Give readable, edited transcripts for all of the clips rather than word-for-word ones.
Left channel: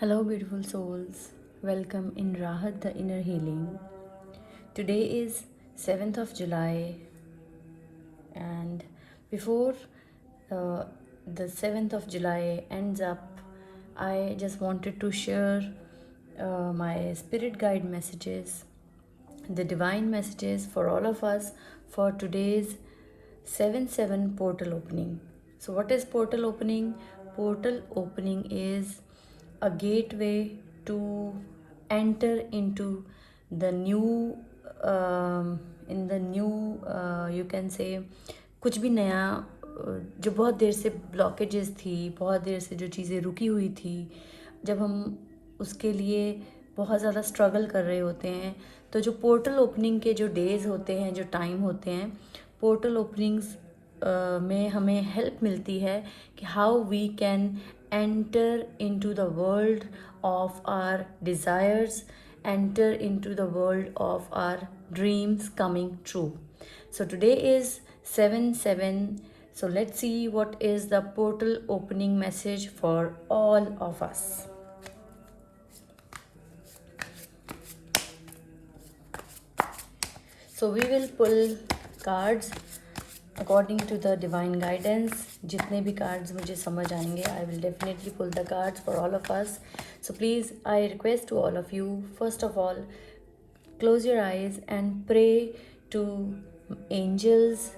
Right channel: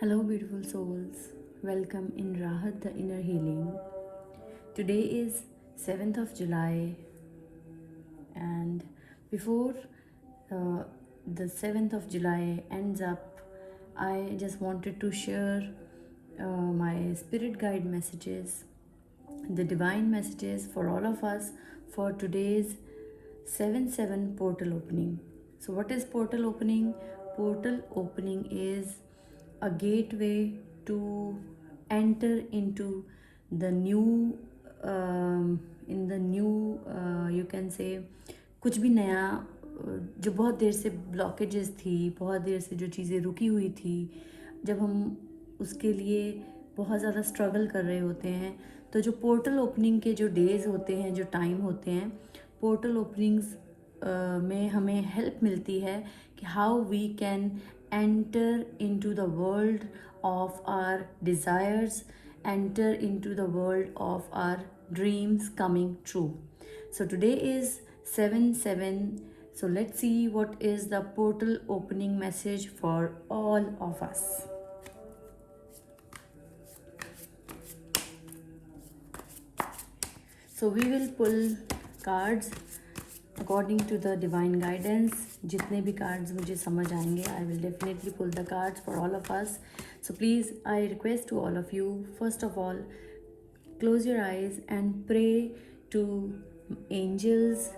Hello, beautiful souls. Welcome in Rahat, the inner healing. Today is 7th of July, and before uh, the 7th of July ends up, I just wanted to share my spirit guide messages, the divine messages for all of us for today's 7/7 portal opening. So, what is portal opening? Portal opening is a gateway to enter into the new, in the new, you can say, कुछ भी नया, जो बहुत देर से blockages थी, बहुत देर से जो चीज़ें रुकी हुई थी, जब हम उसके लिए बहुत ज़्यादा स्ट्रगल कर रहे होते हैं, तो जो पोर्टल ओपनिंग के जो डेज़ होते हैं, जो टाइम होते हैं, पोर्टल ओपनिंग्स में हमें हेल्प मिलती है कि how we can enter into the world of our desires, enter into the world of our dreams coming true. So today is 7/7. So let's see what is the portal opening message for all of us. So we will pull cards according to the divine guidance. जितने भी cards मुझे समझ आएंगे, I will definitely pull the cards for all of us. So please, I request to all of you, first of all, close your eyes and pray to angels,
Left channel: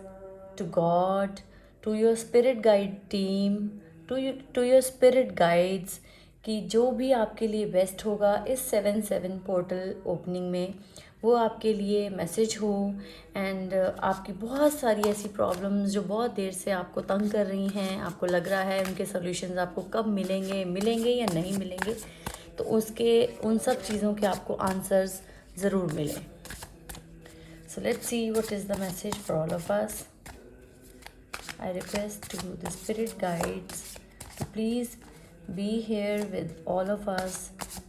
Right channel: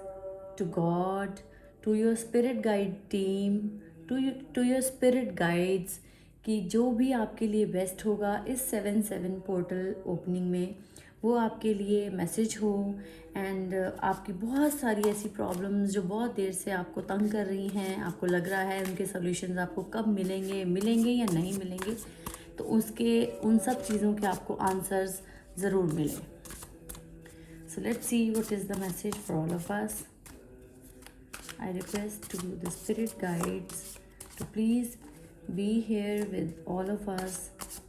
to God, to your spirit guide team, to your spirit guides, कि जो भी आपके लिए best होगा इस 7/7 portal opening में, वो आपके लिए मैसेज हो। एंड आपकी बहुत सारी ऐसी प्रॉब्लम्स जो बहुत देर से आपको तंग कर रही हैं, आपको लग रहा है उनके सॉल्यूशंस आपको कब मिलेंगे या नहीं मिलेंगे, तो उसके उन सब चीज़ों के आपको आंसर्स ज़रूर मिले। सो let's see what is the message for all of us. I request to the spirit guides to please be here with all of us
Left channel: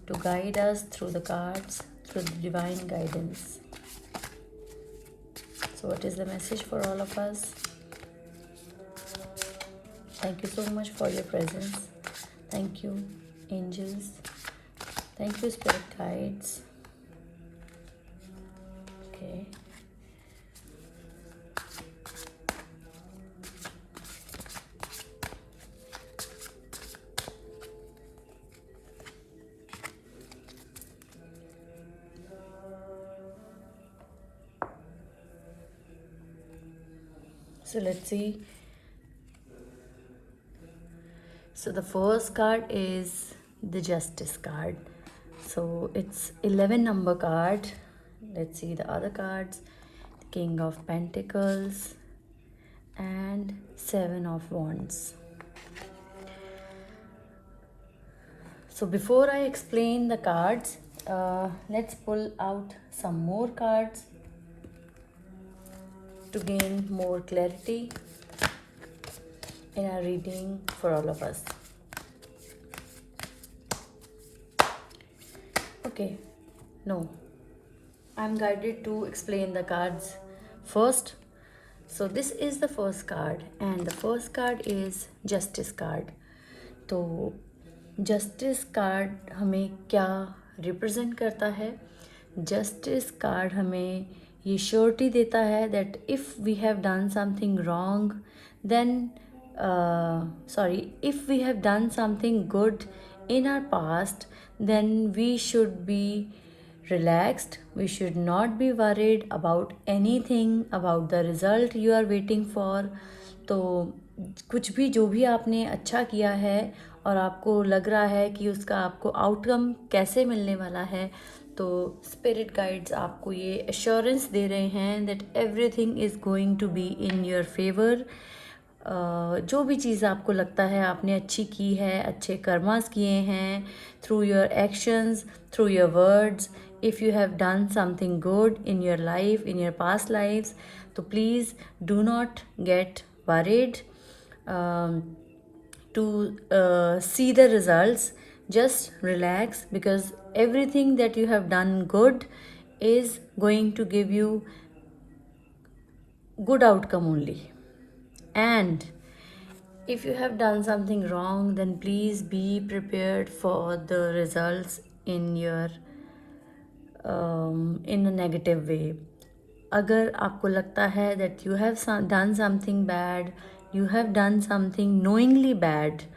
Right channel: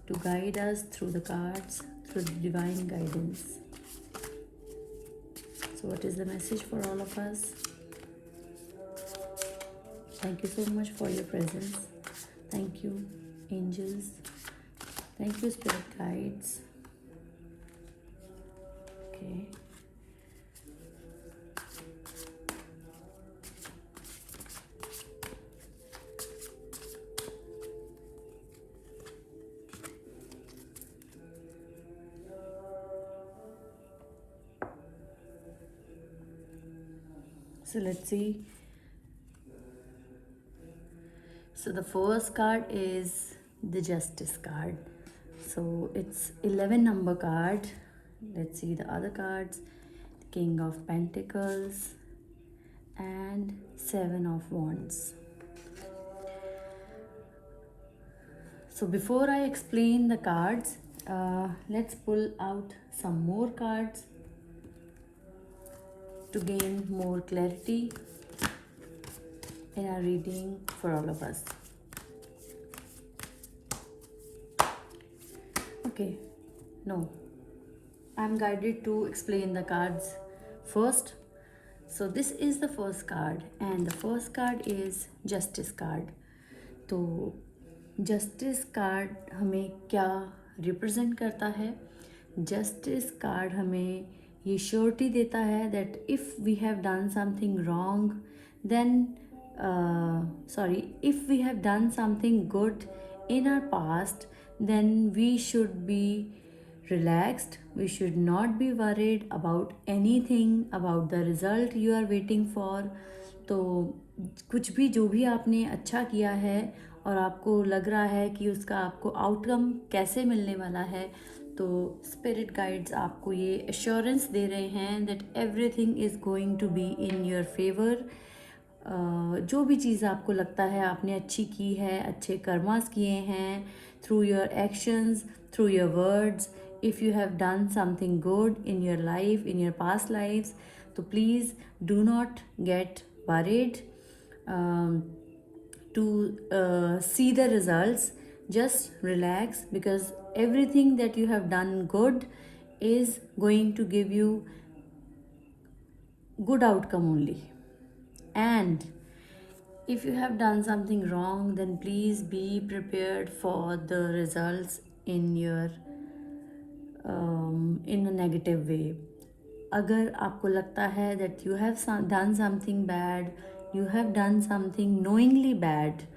to guide us through the cards, through the divine guidance. So what is the message for all of us? Thank you so much for your presence. Thank you, angels. Thank you, spirit guides. Okay. So let's see. So the first card is the Justice card. So it's 11 number card. Let's see the other cards. King of Pentacles and 7 of Wands. So before I explain the cards, let's pull out some more cards to gain more clarity in our reading for all of us. Okay, no, I'm guided to explain the cards first. So this is the first card, and the first card is Justice card. तो justice card हमें क्या represent करता है? Justice card हमें ये surety देता है that if we have done something wrong, then if we have done something good in our past, then we should be relaxed. We should not be worried about anything, about the result you are waiting for. तो कुछ भी जो भी आपने अच्छा किया है और आपको लग रहा है कि उसका आपको आउटकम कैसे मिलने वाला है, तो स्पिरिट गाइड्स आपको ये एश्योरेंस दे रहे हैं that everything is going to be in your favour. जो भी चीज़ आपको लगता है आपने अच्छी की है, अच्छे कर्मास किए हैं, through your actions, through your words, if you have done something good in your life, in your past lives, so please do not get worried to see the results. Just relax, because everything that you have done good is going to give you good outcome only. And if you have done something wrong, then please be prepared for the results in your in a negative way. अगर आपको लगता है that you have done something bad, you have done something knowingly bad,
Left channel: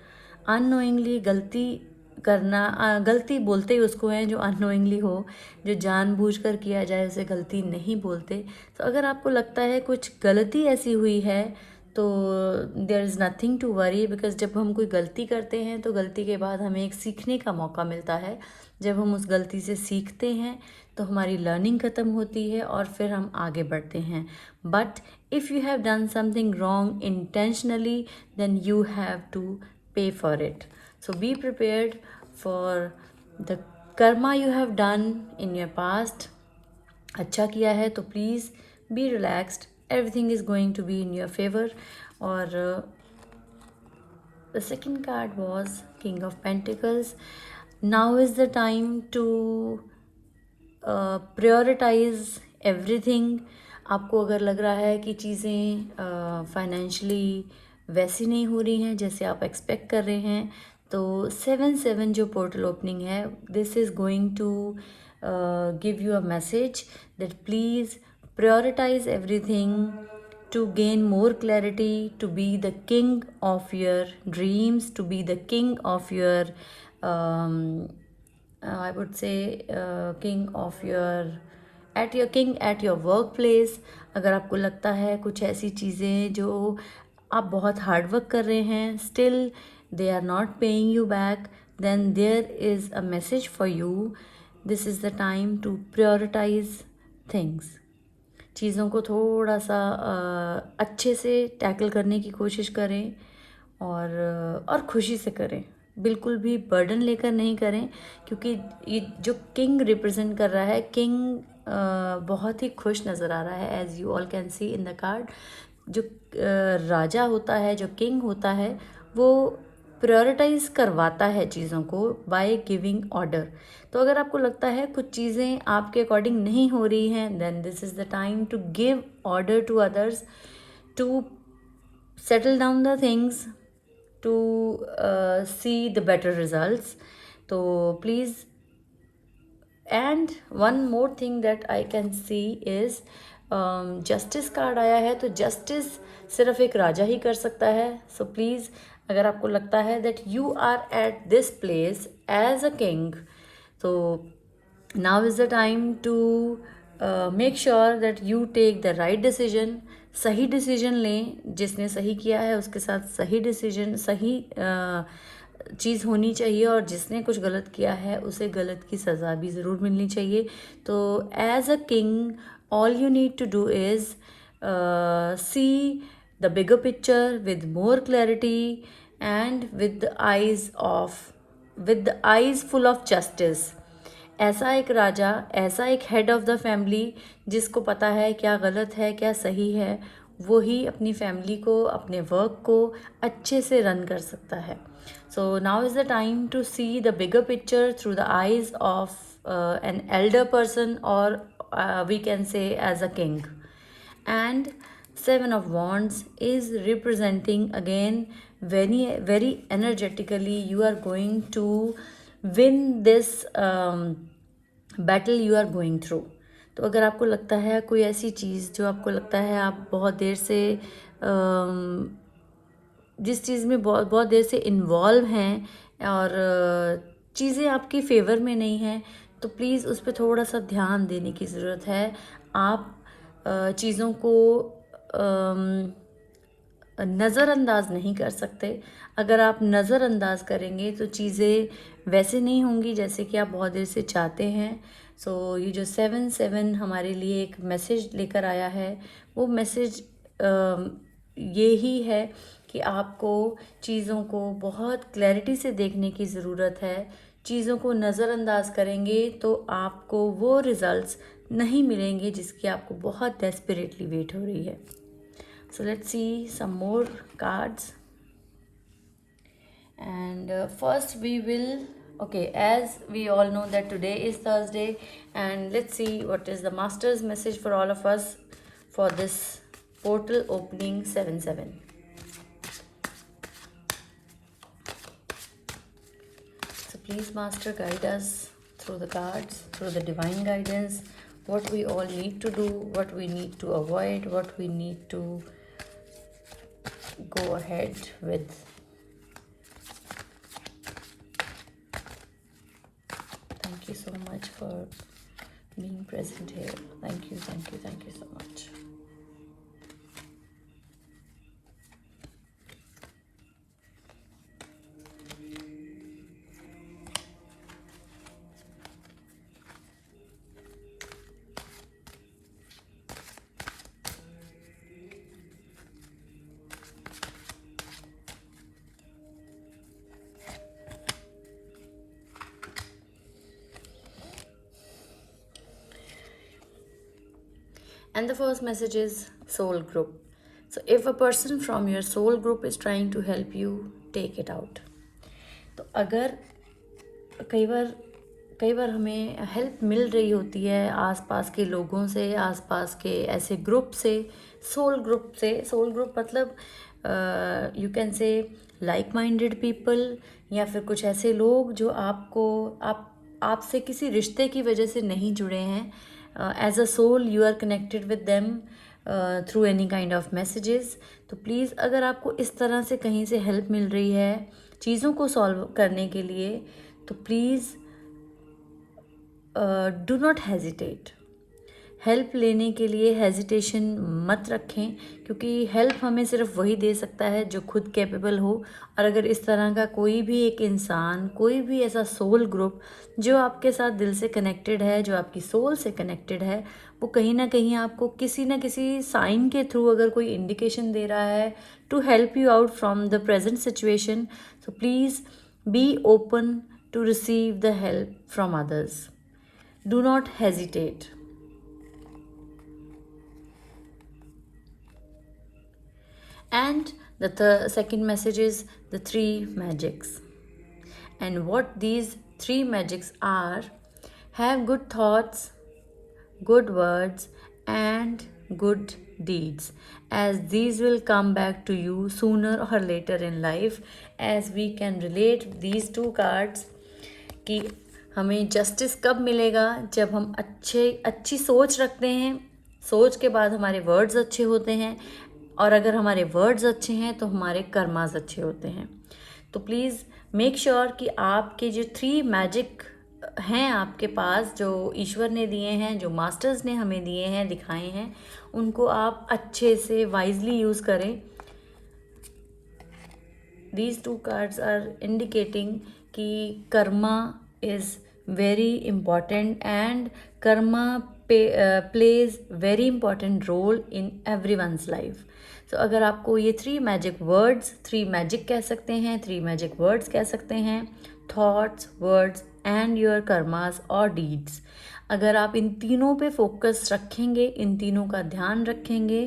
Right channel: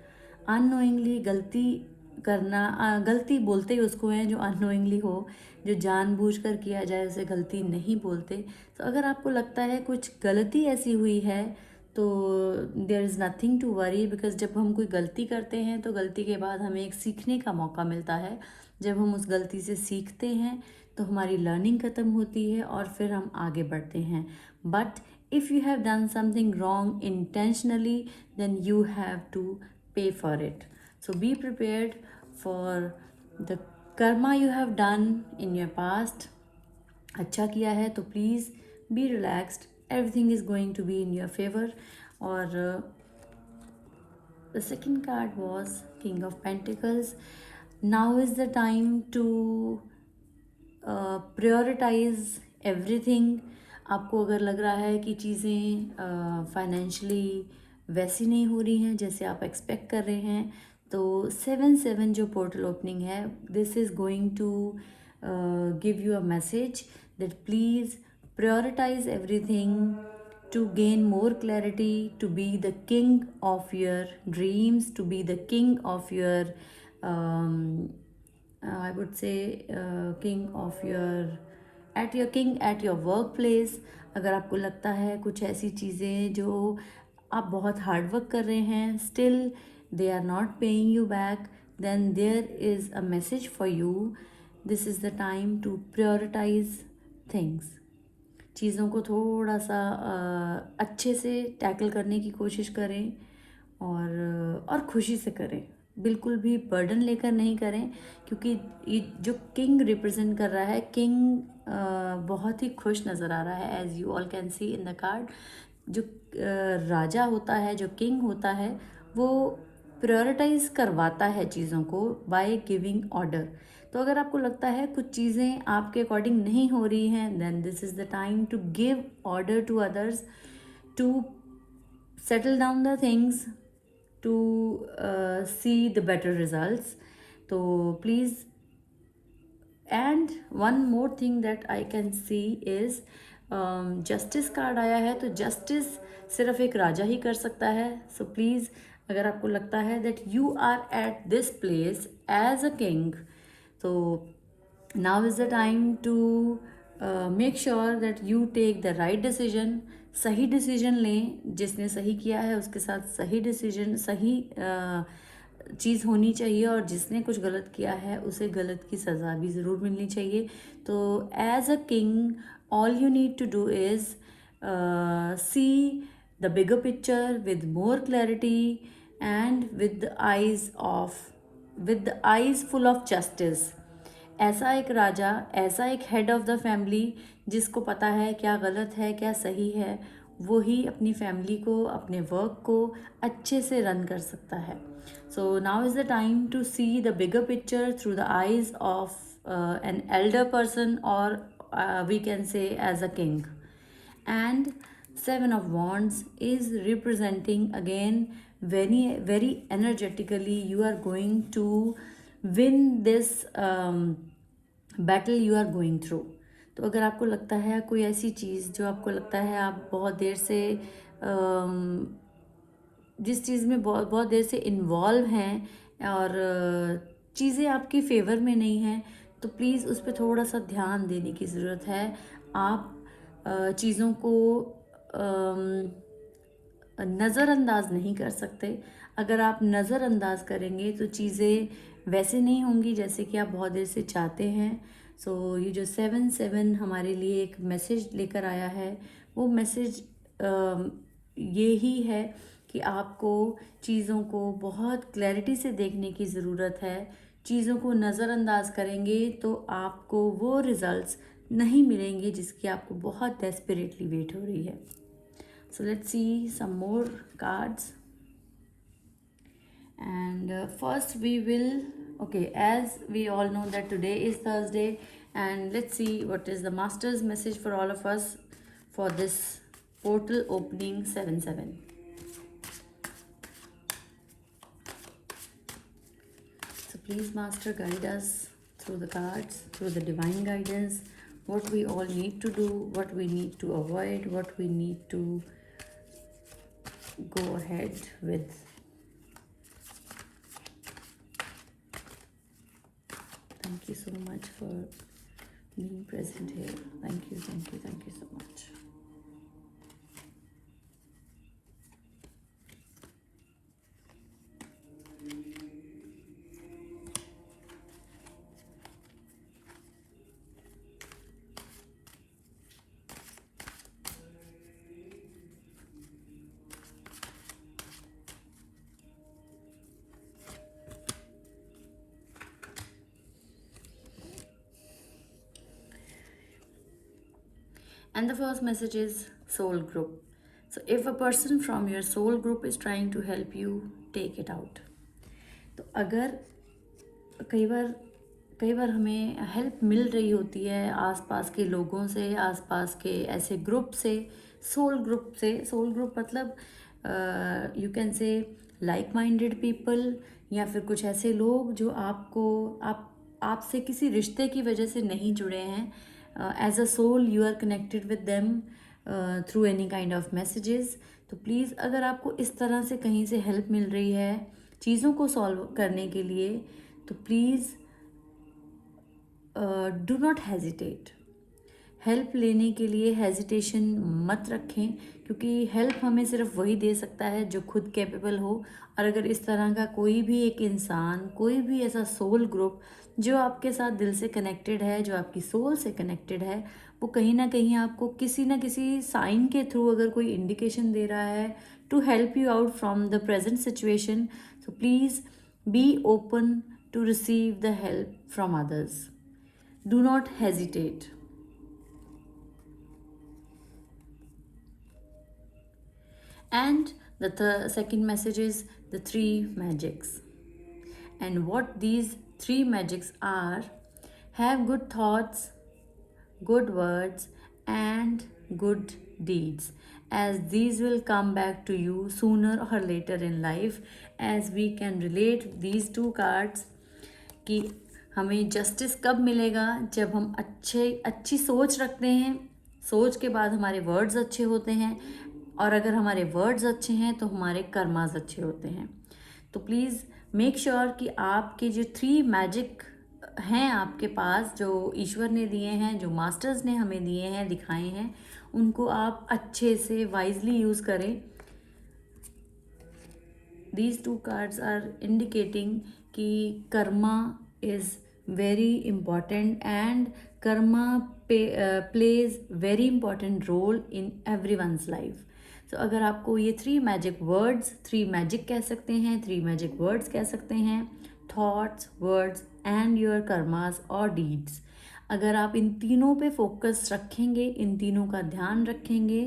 unknowingly गलती करना, गलती बोलते ही उसको है जो अननोइंगली हो, जो जानबूझकर किया जाए उसे गलती नहीं बोलते. तो अगर आपको लगता है कुछ गलती ऐसी हुई है तो there is nothing to worry, because जब हम कोई गलती करते हैं तो गलती के बाद हमें एक सीखने का मौका मिलता है. जब हम उस गलती से सीखते हैं तो हमारी लर्निंग ख़त्म होती है और फिर हम आगे बढ़ते हैं. But if you have done something wrong intentionally then you have to pay for it. So be prepared for the karma you have done in your past. अच्छा किया है तो please be relaxed, everything is going to be in your favor. और the second card was King of Pentacles. Now is the time to prioritize everything. आपको अगर लग रहा है कि चीज़ें फाइनेंशियली वैसी नहीं हो रही हैं जैसे आप एक्सपेक्ट कर रहे हैं, तो 7/7 जो पोर्टल ओपनिंग है, this is going to give you a message that please prioritise everything to gain more clarity, to be the king of your dreams, to be the king of your I would say king of your at your work place. अगर आपको लगता है कुछ ऐसी चीज़ें जो आप बहुत हार्ड वर्क कर रहे हैं, still they are not paying you back, then there is a message for you. This is the time to prioritize things. चीज़ों को थोड़ा सा अच्छे से टैकल करने की कोशिश करें और खुशी से करें. बिल्कुल भी बर्डन लेकर नहीं करें, क्योंकि ये जो किंग रिप्रेजेंट कर रहा है, किंग बहुत ही खुश नज़र आ रहा है, as you all can see in the card. जो राजा होता है, जो किंग होता है, वो प्रायोरिटाइज करवाता है चीज़ों को बाय गिविंग ऑर्डर. तो अगर आपको लगता है कुछ चीज़ें आपके अकॉर्डिंग नहीं हो रही हैं, then this is the time to give order to others, to settle down the things, to see the better results. तो please, and one more thing that I can see is justice card आया है. तो justice सिर्फ एक राजा ही कर सकता है. So please, अगर आपको लगता है that you are at this place as a king, तो now is the time to make sure that you take the right decision. सही डिसीजन लें. जिसने सही किया है उसके साथ सही डिसीजन, सही चीज़ होनी चाहिए, और जिसने कुछ गलत किया है उसे गलत की सज़ा भी ज़रूर मिलनी चाहिए. तो as a king all you need to do is see the bigger picture with more clarity and with the eyes full of justice. ऐसा एक राजा, ऐसा एक हेड ऑफ द फैमिली जिसको पता है क्या गलत है क्या सही है, वो ही अपनी फैमिली को, अपने वर्क को अच्छे से रन कर सकता है. So now is the time to see the bigger picture through the eyes of an elder person, or we can say as a king. And 7 of Wands is representing again very energetically you are going to win this battle you are going through. तो अगर आपको लगता है कोई ऐसी चीज़ जो आपको लगता है आप बहुत देर से जिस चीज़ में बहुत देर से इन्वॉल्व हैं और चीज़ें आपकी फेवर में नहीं हैं, तो प्लीज़ उस पर थोड़ा सा ध्यान देने की ज़रूरत है. आप चीज़ों को नज़रअंदाज नहीं कर सकते. अगर आप नज़रअंदाज करेंगे तो चीज़ें वैसे नहीं होंगी जैसे कि आप बहुत देर से चाहते हैं. सो ये जो 7/7 हमारे लिए एक मैसेज लेकर आया है, वो मैसेज ये ही है कि आपको चीज़ों को बहुत क्लैरिटी से देखने की ज़रूरत है. चीज़ों को नज़रअंदाज करेंगे तो आपको वो रिज़ल्ट्स नहीं मिलेंगे जिसकी आपको बहुत डेस्परेटली वेट हो रही है. So let's see some more cards. And first we will, okay, as we all know that today is Thursday, and let's see what is the master's message for all of us for this portal opening 7/7. please, Master, guide us through the cards, through the divine guidance, what we all need to do, what we need to avoid, what we need to go ahead with. Thank you so much for being present here. Thank you, thank you, thank you so much. And the first message is soul group. So if a person from your soul group is trying to help you, take it out. तो अगर कई बार हमें help मिल रही होती है आसपास के लोगों से, आसपास के ऐसे ग्रुप से, सोल ग्रुप मतलब you can say like minded people, या फिर कुछ ऐसे लोग जो आपसे किसी रिश्ते की वजह से नहीं जुड़े हैं. As a soul you are connected with them through any kind of messages. तो प्लीज़ अगर आपको इस तरह से कहीं से हेल्प मिल रही है चीज़ों को सॉल्व करने के लिए, तो please do not hesitate. Help लेने के लिए हेजिटेशन मत रखें, क्योंकि हेल्प हमें सिर्फ वही दे सकता है जो खुद कैपेबल हो. और अगर इस तरह का कोई भी एक इंसान, कोई भी ऐसा सोल ग्रुप जो आपके साथ दिल से कनेक्टेड है, जो आपकी सोल से कनेक्टेड है, वो कहीं ना कहीं आपको किसी ना किसी साइन के थ्रू अगर कोई इंडिकेशन दे रहा है to help you out from the present situation, so please be open to receive the help from others. Do not hesitate. And the second message is the 3 magics. And what these 3 magics are: have good thoughts, good words, and good deeds, as these will come back to you sooner or later in life. As we can relate these 2 cards कि हमें justice कब मिलेगा, जब हम अच्छी सोच रखते हैं, सोच के बाद हमारे वर्ड्स अच्छे होते हैं, और अगर हमारे वर्ड्स अच्छे हैं तो हमारे कर्मास अच्छे होते हैं. तो प्लीज़ मेक श्योर कि आपके जो 3 मैजिक हैं आपके पास, जो ईश्वर ने दिए हैं, जो मास्टर्स ने हमें दिए हैं, दिखाए हैं, उनको आप अच्छे से वाइजली यूज़ करें. These 2 cards are indicating कि Karma is very important and karma plays very important role in everyone's life. So अगर आपको ये 3 मैजिक वर्ड्स, 3 मैजिक कह सकते हैं, 3 मैजिक वर्ड्स कह सकते हैं, thoughts, words and your karmas और डीड्स, अगर आप इन तीनों पे फोकस रखेंगे, इन तीनों का ध्यान रखेंगे,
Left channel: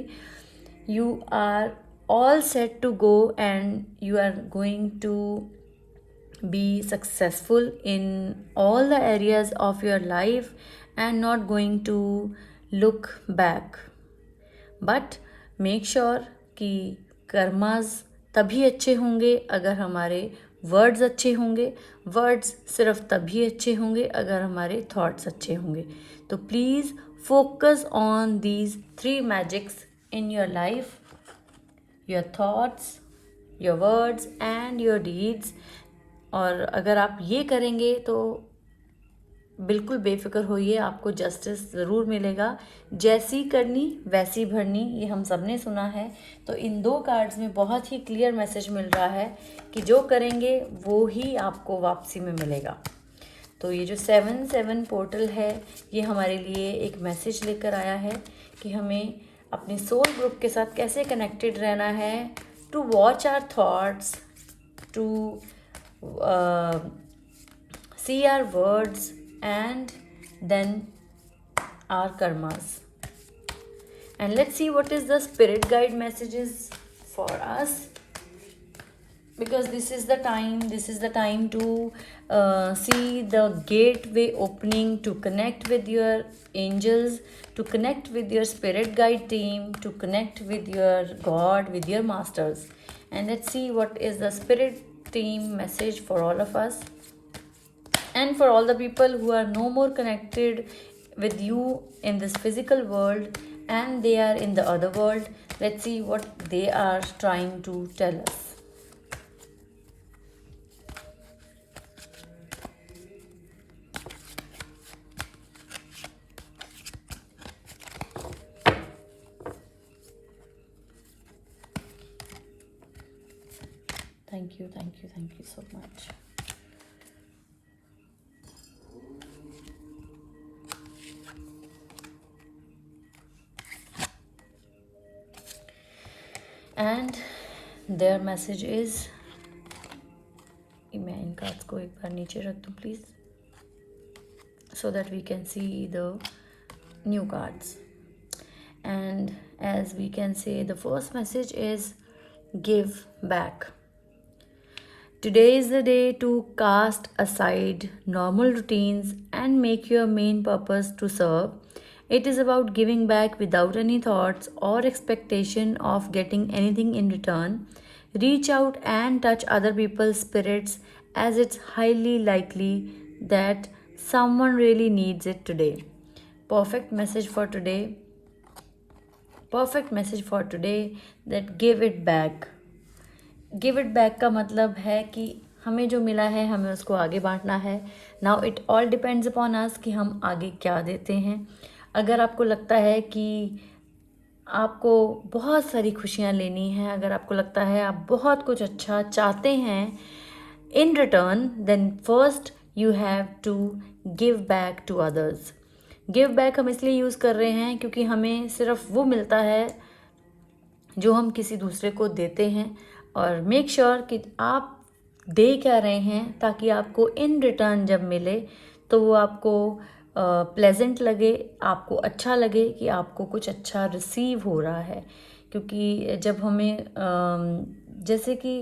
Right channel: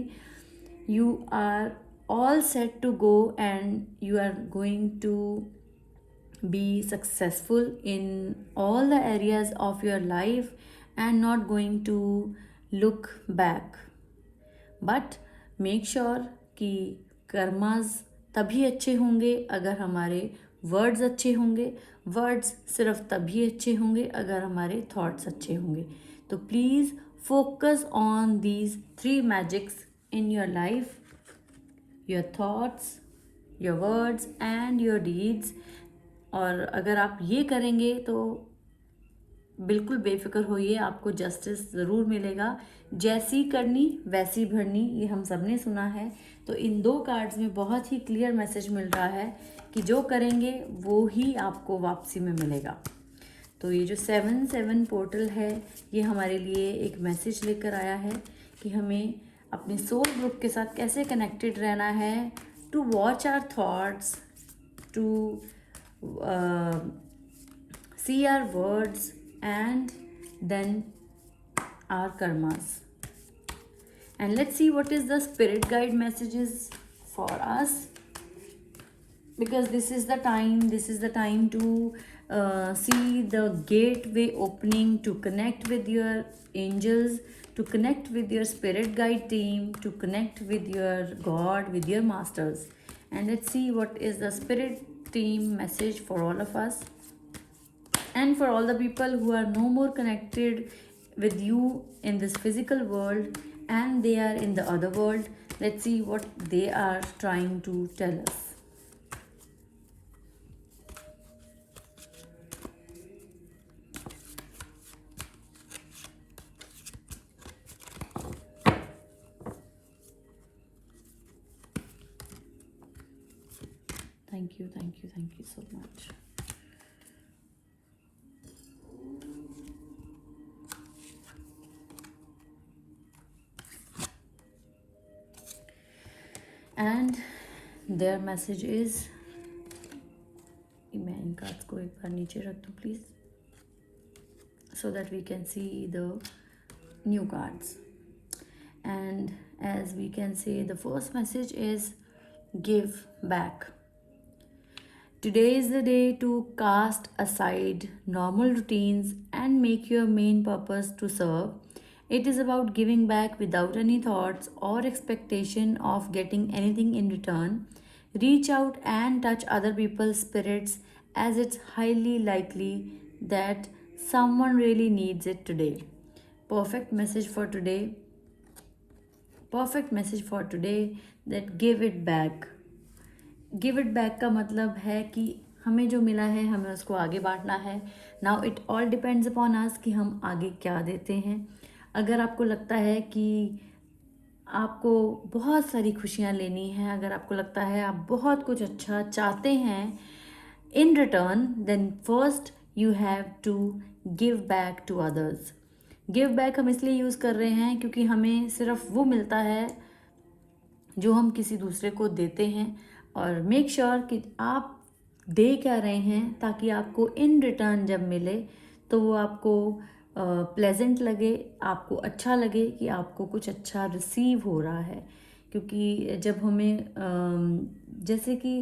you are all set to go and you are going to be successful in all the areas of your life and not going to look back. But make sure कि कर्मास तभी अच्छे होंगे अगर हमारे वर्ड्स अच्छे होंगे, words सिर्फ तभी अच्छे होंगे अगर हमारे थॉट्स अच्छे होंगे. तो please focus on these 3 magics in your life, your thoughts, your words and your deeds. और अगर आप ये करेंगे तो बिल्कुल बेफिक्र होइए, आपको जस्टिस ज़रूर मिलेगा. जैसी करनी वैसी भरनी, ये हम सब ने सुना है. तो इन 2 कार्ड्स में बहुत ही क्लियर मैसेज मिल रहा है कि जो करेंगे वो ही आपको वापसी में मिलेगा. तो ये जो 7/7 पोर्टल है, ये हमारे लिए एक मैसेज लेकर आया है कि हमें अपने सोल ग्रुप के साथ कैसे कनेक्टेड रहना है, to watch our thoughts, to see our words and then our karmas. And let's see what is the spirit guide messages for us, because this is the time to see the gateway opening to connect with your angels, to connect with your spirit guide team, to connect with your God, with your masters. And let's see what is the spirit team message for all of us. And for all the people who are no more connected with you in this physical world and they are in the other world, let's see what they are trying to tell us. Thank you so much. And their message is, मैं इन cards को एक बार नीचे रख दूँ please, so that we can see the new cards. And as we can say, the first message is give back. Today is the day to cast aside normal routines and make your main purpose to serve. It is about giving back without any thoughts or expectation of getting anything in return. Reach out and touch other people's spirits, as it's highly likely that someone really needs it today. Perfect message for today. Perfect message for today, that give it back. Give it back का मतलब है कि हमें जो मिला है हमें उसको आगे बांटना है. Now it all depends upon us कि हम आगे क्या देते हैं. अगर आपको लगता है कि आपको बहुत सारी खुशियाँ लेनी हैं, अगर आपको लगता है आप बहुत कुछ अच्छा चाहते हैं in return, then first you have to give back to others. Give back हम इसलिए यूज़ कर रहे हैं क्योंकि हमें सिर्फ वो मिलता है जो हम किसी दूसरे को देते हैं. और मेक श्योर कि आप दे क्या रहे हैं, ताकि आपको इन रिटर्न जब मिले तो वो आपको प्लेजेंट लगे, आपको अच्छा लगे कि आपको कुछ अच्छा रिसीव हो रहा है. क्योंकि जब हमें जैसे कि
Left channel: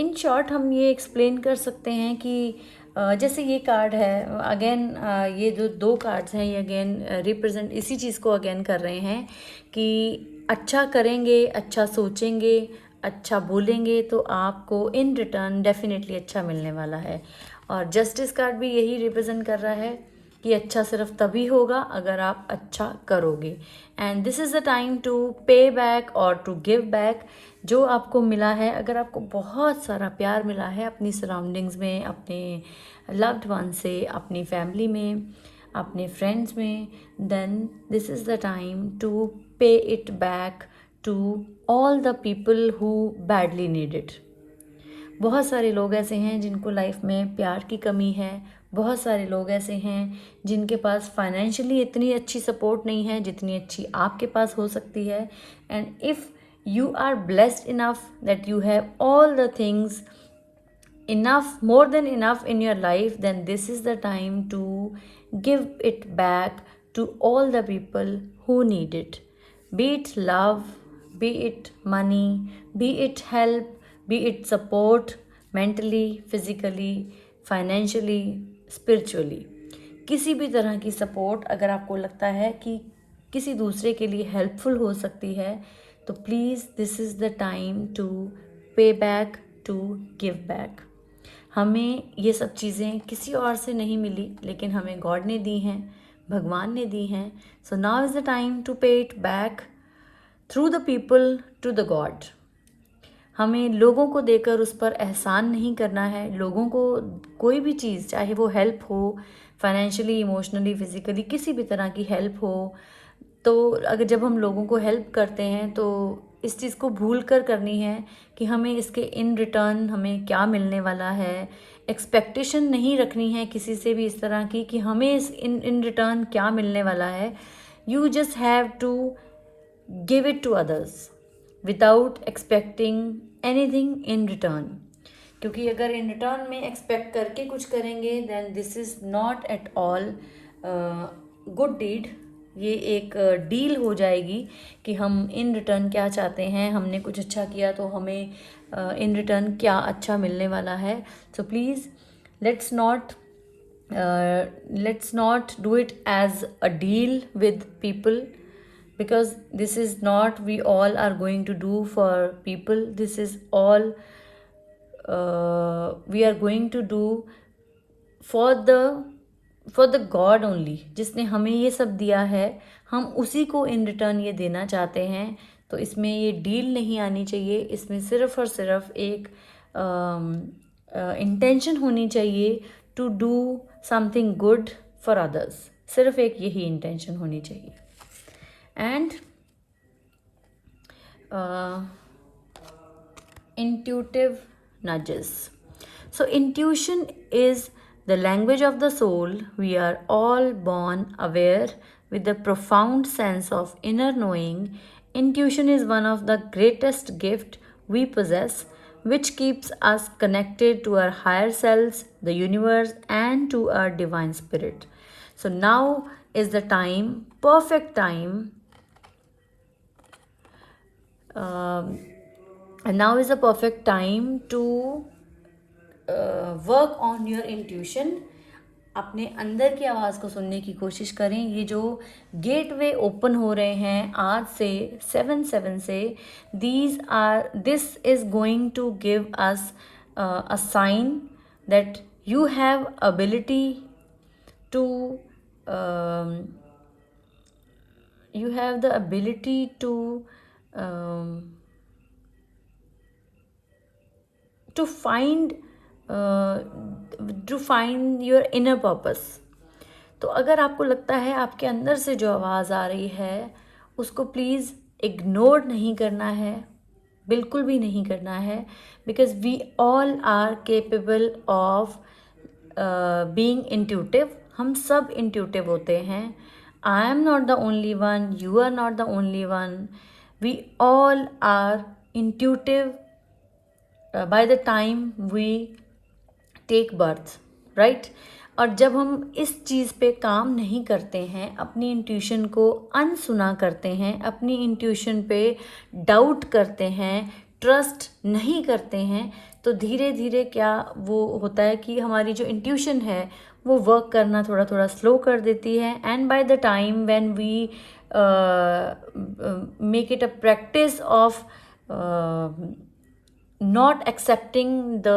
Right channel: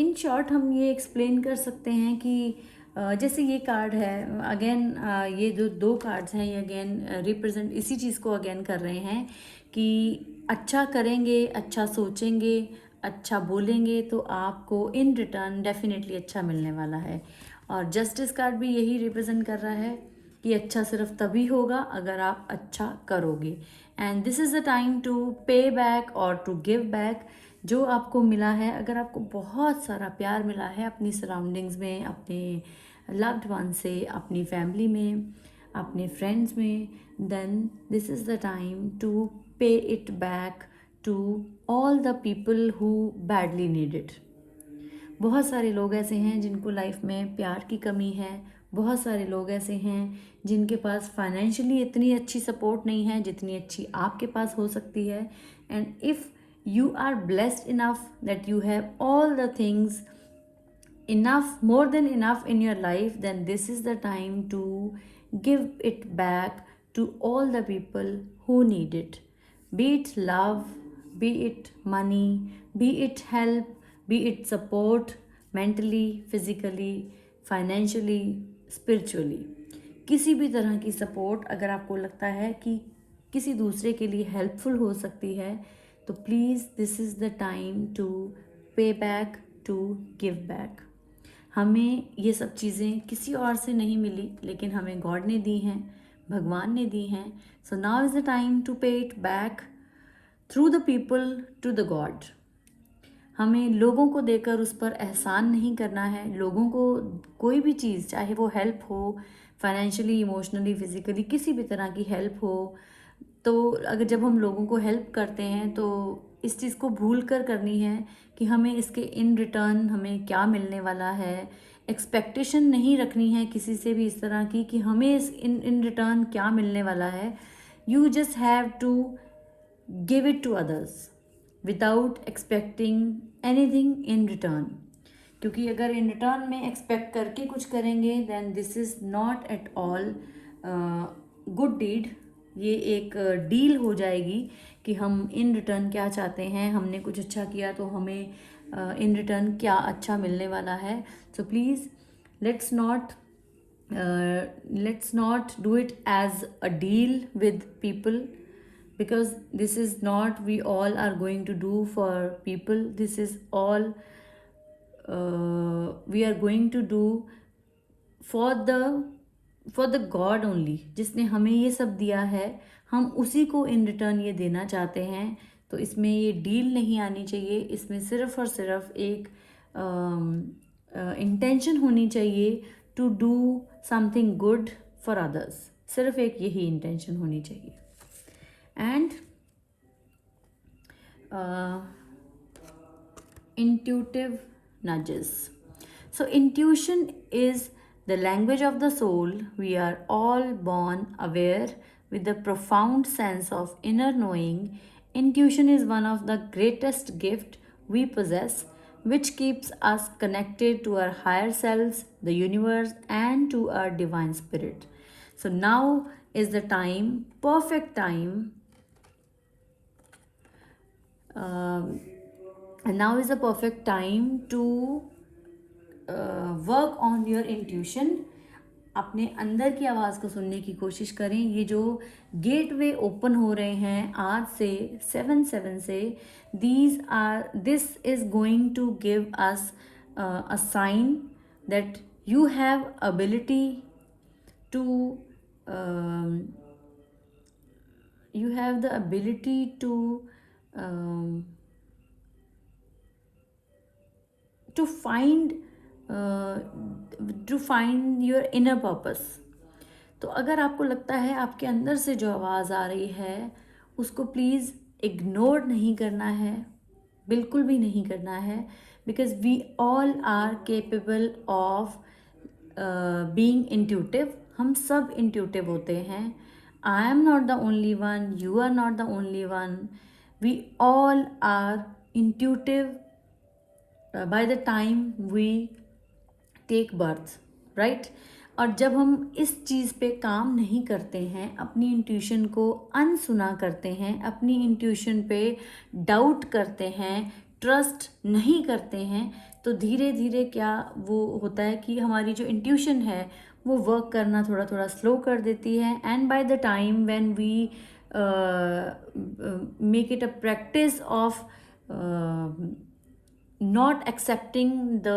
इन शॉर्ट हम ये एक्सप्लेन कर सकते हैं कि जैसे ये कार्ड है अगेन, ये जो दो कार्ड्स हैं ये अगेन रिप्रेजेंट इसी चीज़ को अगेन कर रहे हैं कि अच्छा करेंगे, अच्छा सोचेंगे, अच्छा बोलेंगे तो आपको इन रिटर्न डेफिनेटली अच्छा मिलने वाला है. और जस्टिस कार्ड भी यही रिप्रेजेंट कर रहा है कि अच्छा सिर्फ तभी होगा अगर आप अच्छा करोगे. And this is the time to pay back और टू गिव बैक. जो आपको मिला है, अगर आपको बहुत सारा प्यार मिला है अपनी सराउंडिंग्स में, अपने लव्ड वन से, अपनी फैमिली में, अपने फ्रेंड्स में, then this is the time to pay it back to all the people who badly need it. बहुत सारे लोग ऐसे हैं जिनको लाइफ में प्यार की कमी है. बहुत सारे लोग ऐसे हैं जिनके पास फाइनेंशियली इतनी अच्छी सपोर्ट नहीं है जितनी अच्छी आपके पास हो सकती है. And if you are blessed enough that you have all the things enough, more than enough in your life, then this is the time to give it back to all the people who need it. Be it love, be it money, be it help, be it support, mentally, physically, financially, spiritually. किसी भी तरह की support अगर आपको लगता है कि किसी दूसरे के लिए हेल्पफुल हो सकती है, तो please this is the time to pay back, to give back. हमें ये सब चीज़ें किसी और से नहीं मिली, लेकिन हमें गॉड ने दी हैं, भगवान ने दी हैं. So now is the time to pay it back through the people to the God. हमें लोगों को देकर उस पर एहसान नहीं करना है. लोगों को कोई भी चीज़, चाहे वो हेल्प हो, फाइनेंशियली, इमोशनली, फिजिकली, किसी भी तरह की हेल्प हो, तो अगर जब हम लोगों को हेल्प करते हैं तो इस चीज़ को भूल कर करनी है कि हमें इसके इन रिटर्न हमें क्या मिलने वाला है. एक्सपेक्टेशन नहीं रखनी है किसी से भी इस तरह की कि हमें इस इन रिटर्न क्या मिलने वाला है. You just have to give it to others without expecting anything in return. क्योंकि अगर इन रिटर्न में एक्सपेक्ट करके कुछ करेंगे, then this is not at all good deed. ये एक डील हो जाएगी कि हम इन रिटर्न क्या चाहते हैं. हमने कुछ अच्छा किया तो हमें इन रिटर्न क्या अच्छा मिलने वाला है. So please let's not do it as a deal with people, because this is not we all are going to do for people. This is all we are going to do for the God only, जिसने हमें ये सब दिया है हम उसी को in return ये देना चाहते हैं। तो इसमें ये डील नहीं आनी चाहिए, इसमें सिर्फ और सिर्फ एक इंटेंशन होनी चाहिए to do something good for others, सिर्फ एक यही इंटेंशन होनी चाहिए। And intuitive nudges. So intuition is the language of the soul. We are all born aware with the profound sense of inner knowing. Intuition is one of the greatest gift we possess, which keeps us connected to our higher selves, the universe, and to our divine spirit. So now is the time, perfect time. And now is the perfect time to work on your intuition. अपने अंदर की आवाज़ को सुनने की कोशिश करें। ये जो गेटवे ओपन हो रहे हैं आज से 7/7 से, this is going to give us a sign that you have ability to you have the ability to find your inner purpose. तो अगर आपको लगता है आपके अंदर से जो आवाज़ आ रही है उसको प्लीज़ इग्नोर नहीं करना है, बिल्कुल भी नहीं करना है, because we all are capable of being intuitive. हम सब इंट्यूटिव होते हैं। I am not the only one, you are not the only one. We all are intuitive by the time we take birth, right? और जब हम इस चीज़ पे काम नहीं करते हैं, अपनी इंट्यूशन को अनसुना करते हैं, अपनी इंट्यूशन पे डाउट करते हैं, ट्रस्ट नहीं करते हैं, तो धीरे धीरे क्या वो होता है कि हमारी जो इंट्यूशन है वो वर्क करना थोड़ा थोड़ा स्लो कर देती है। And by the time when we make it a practice of not accepting the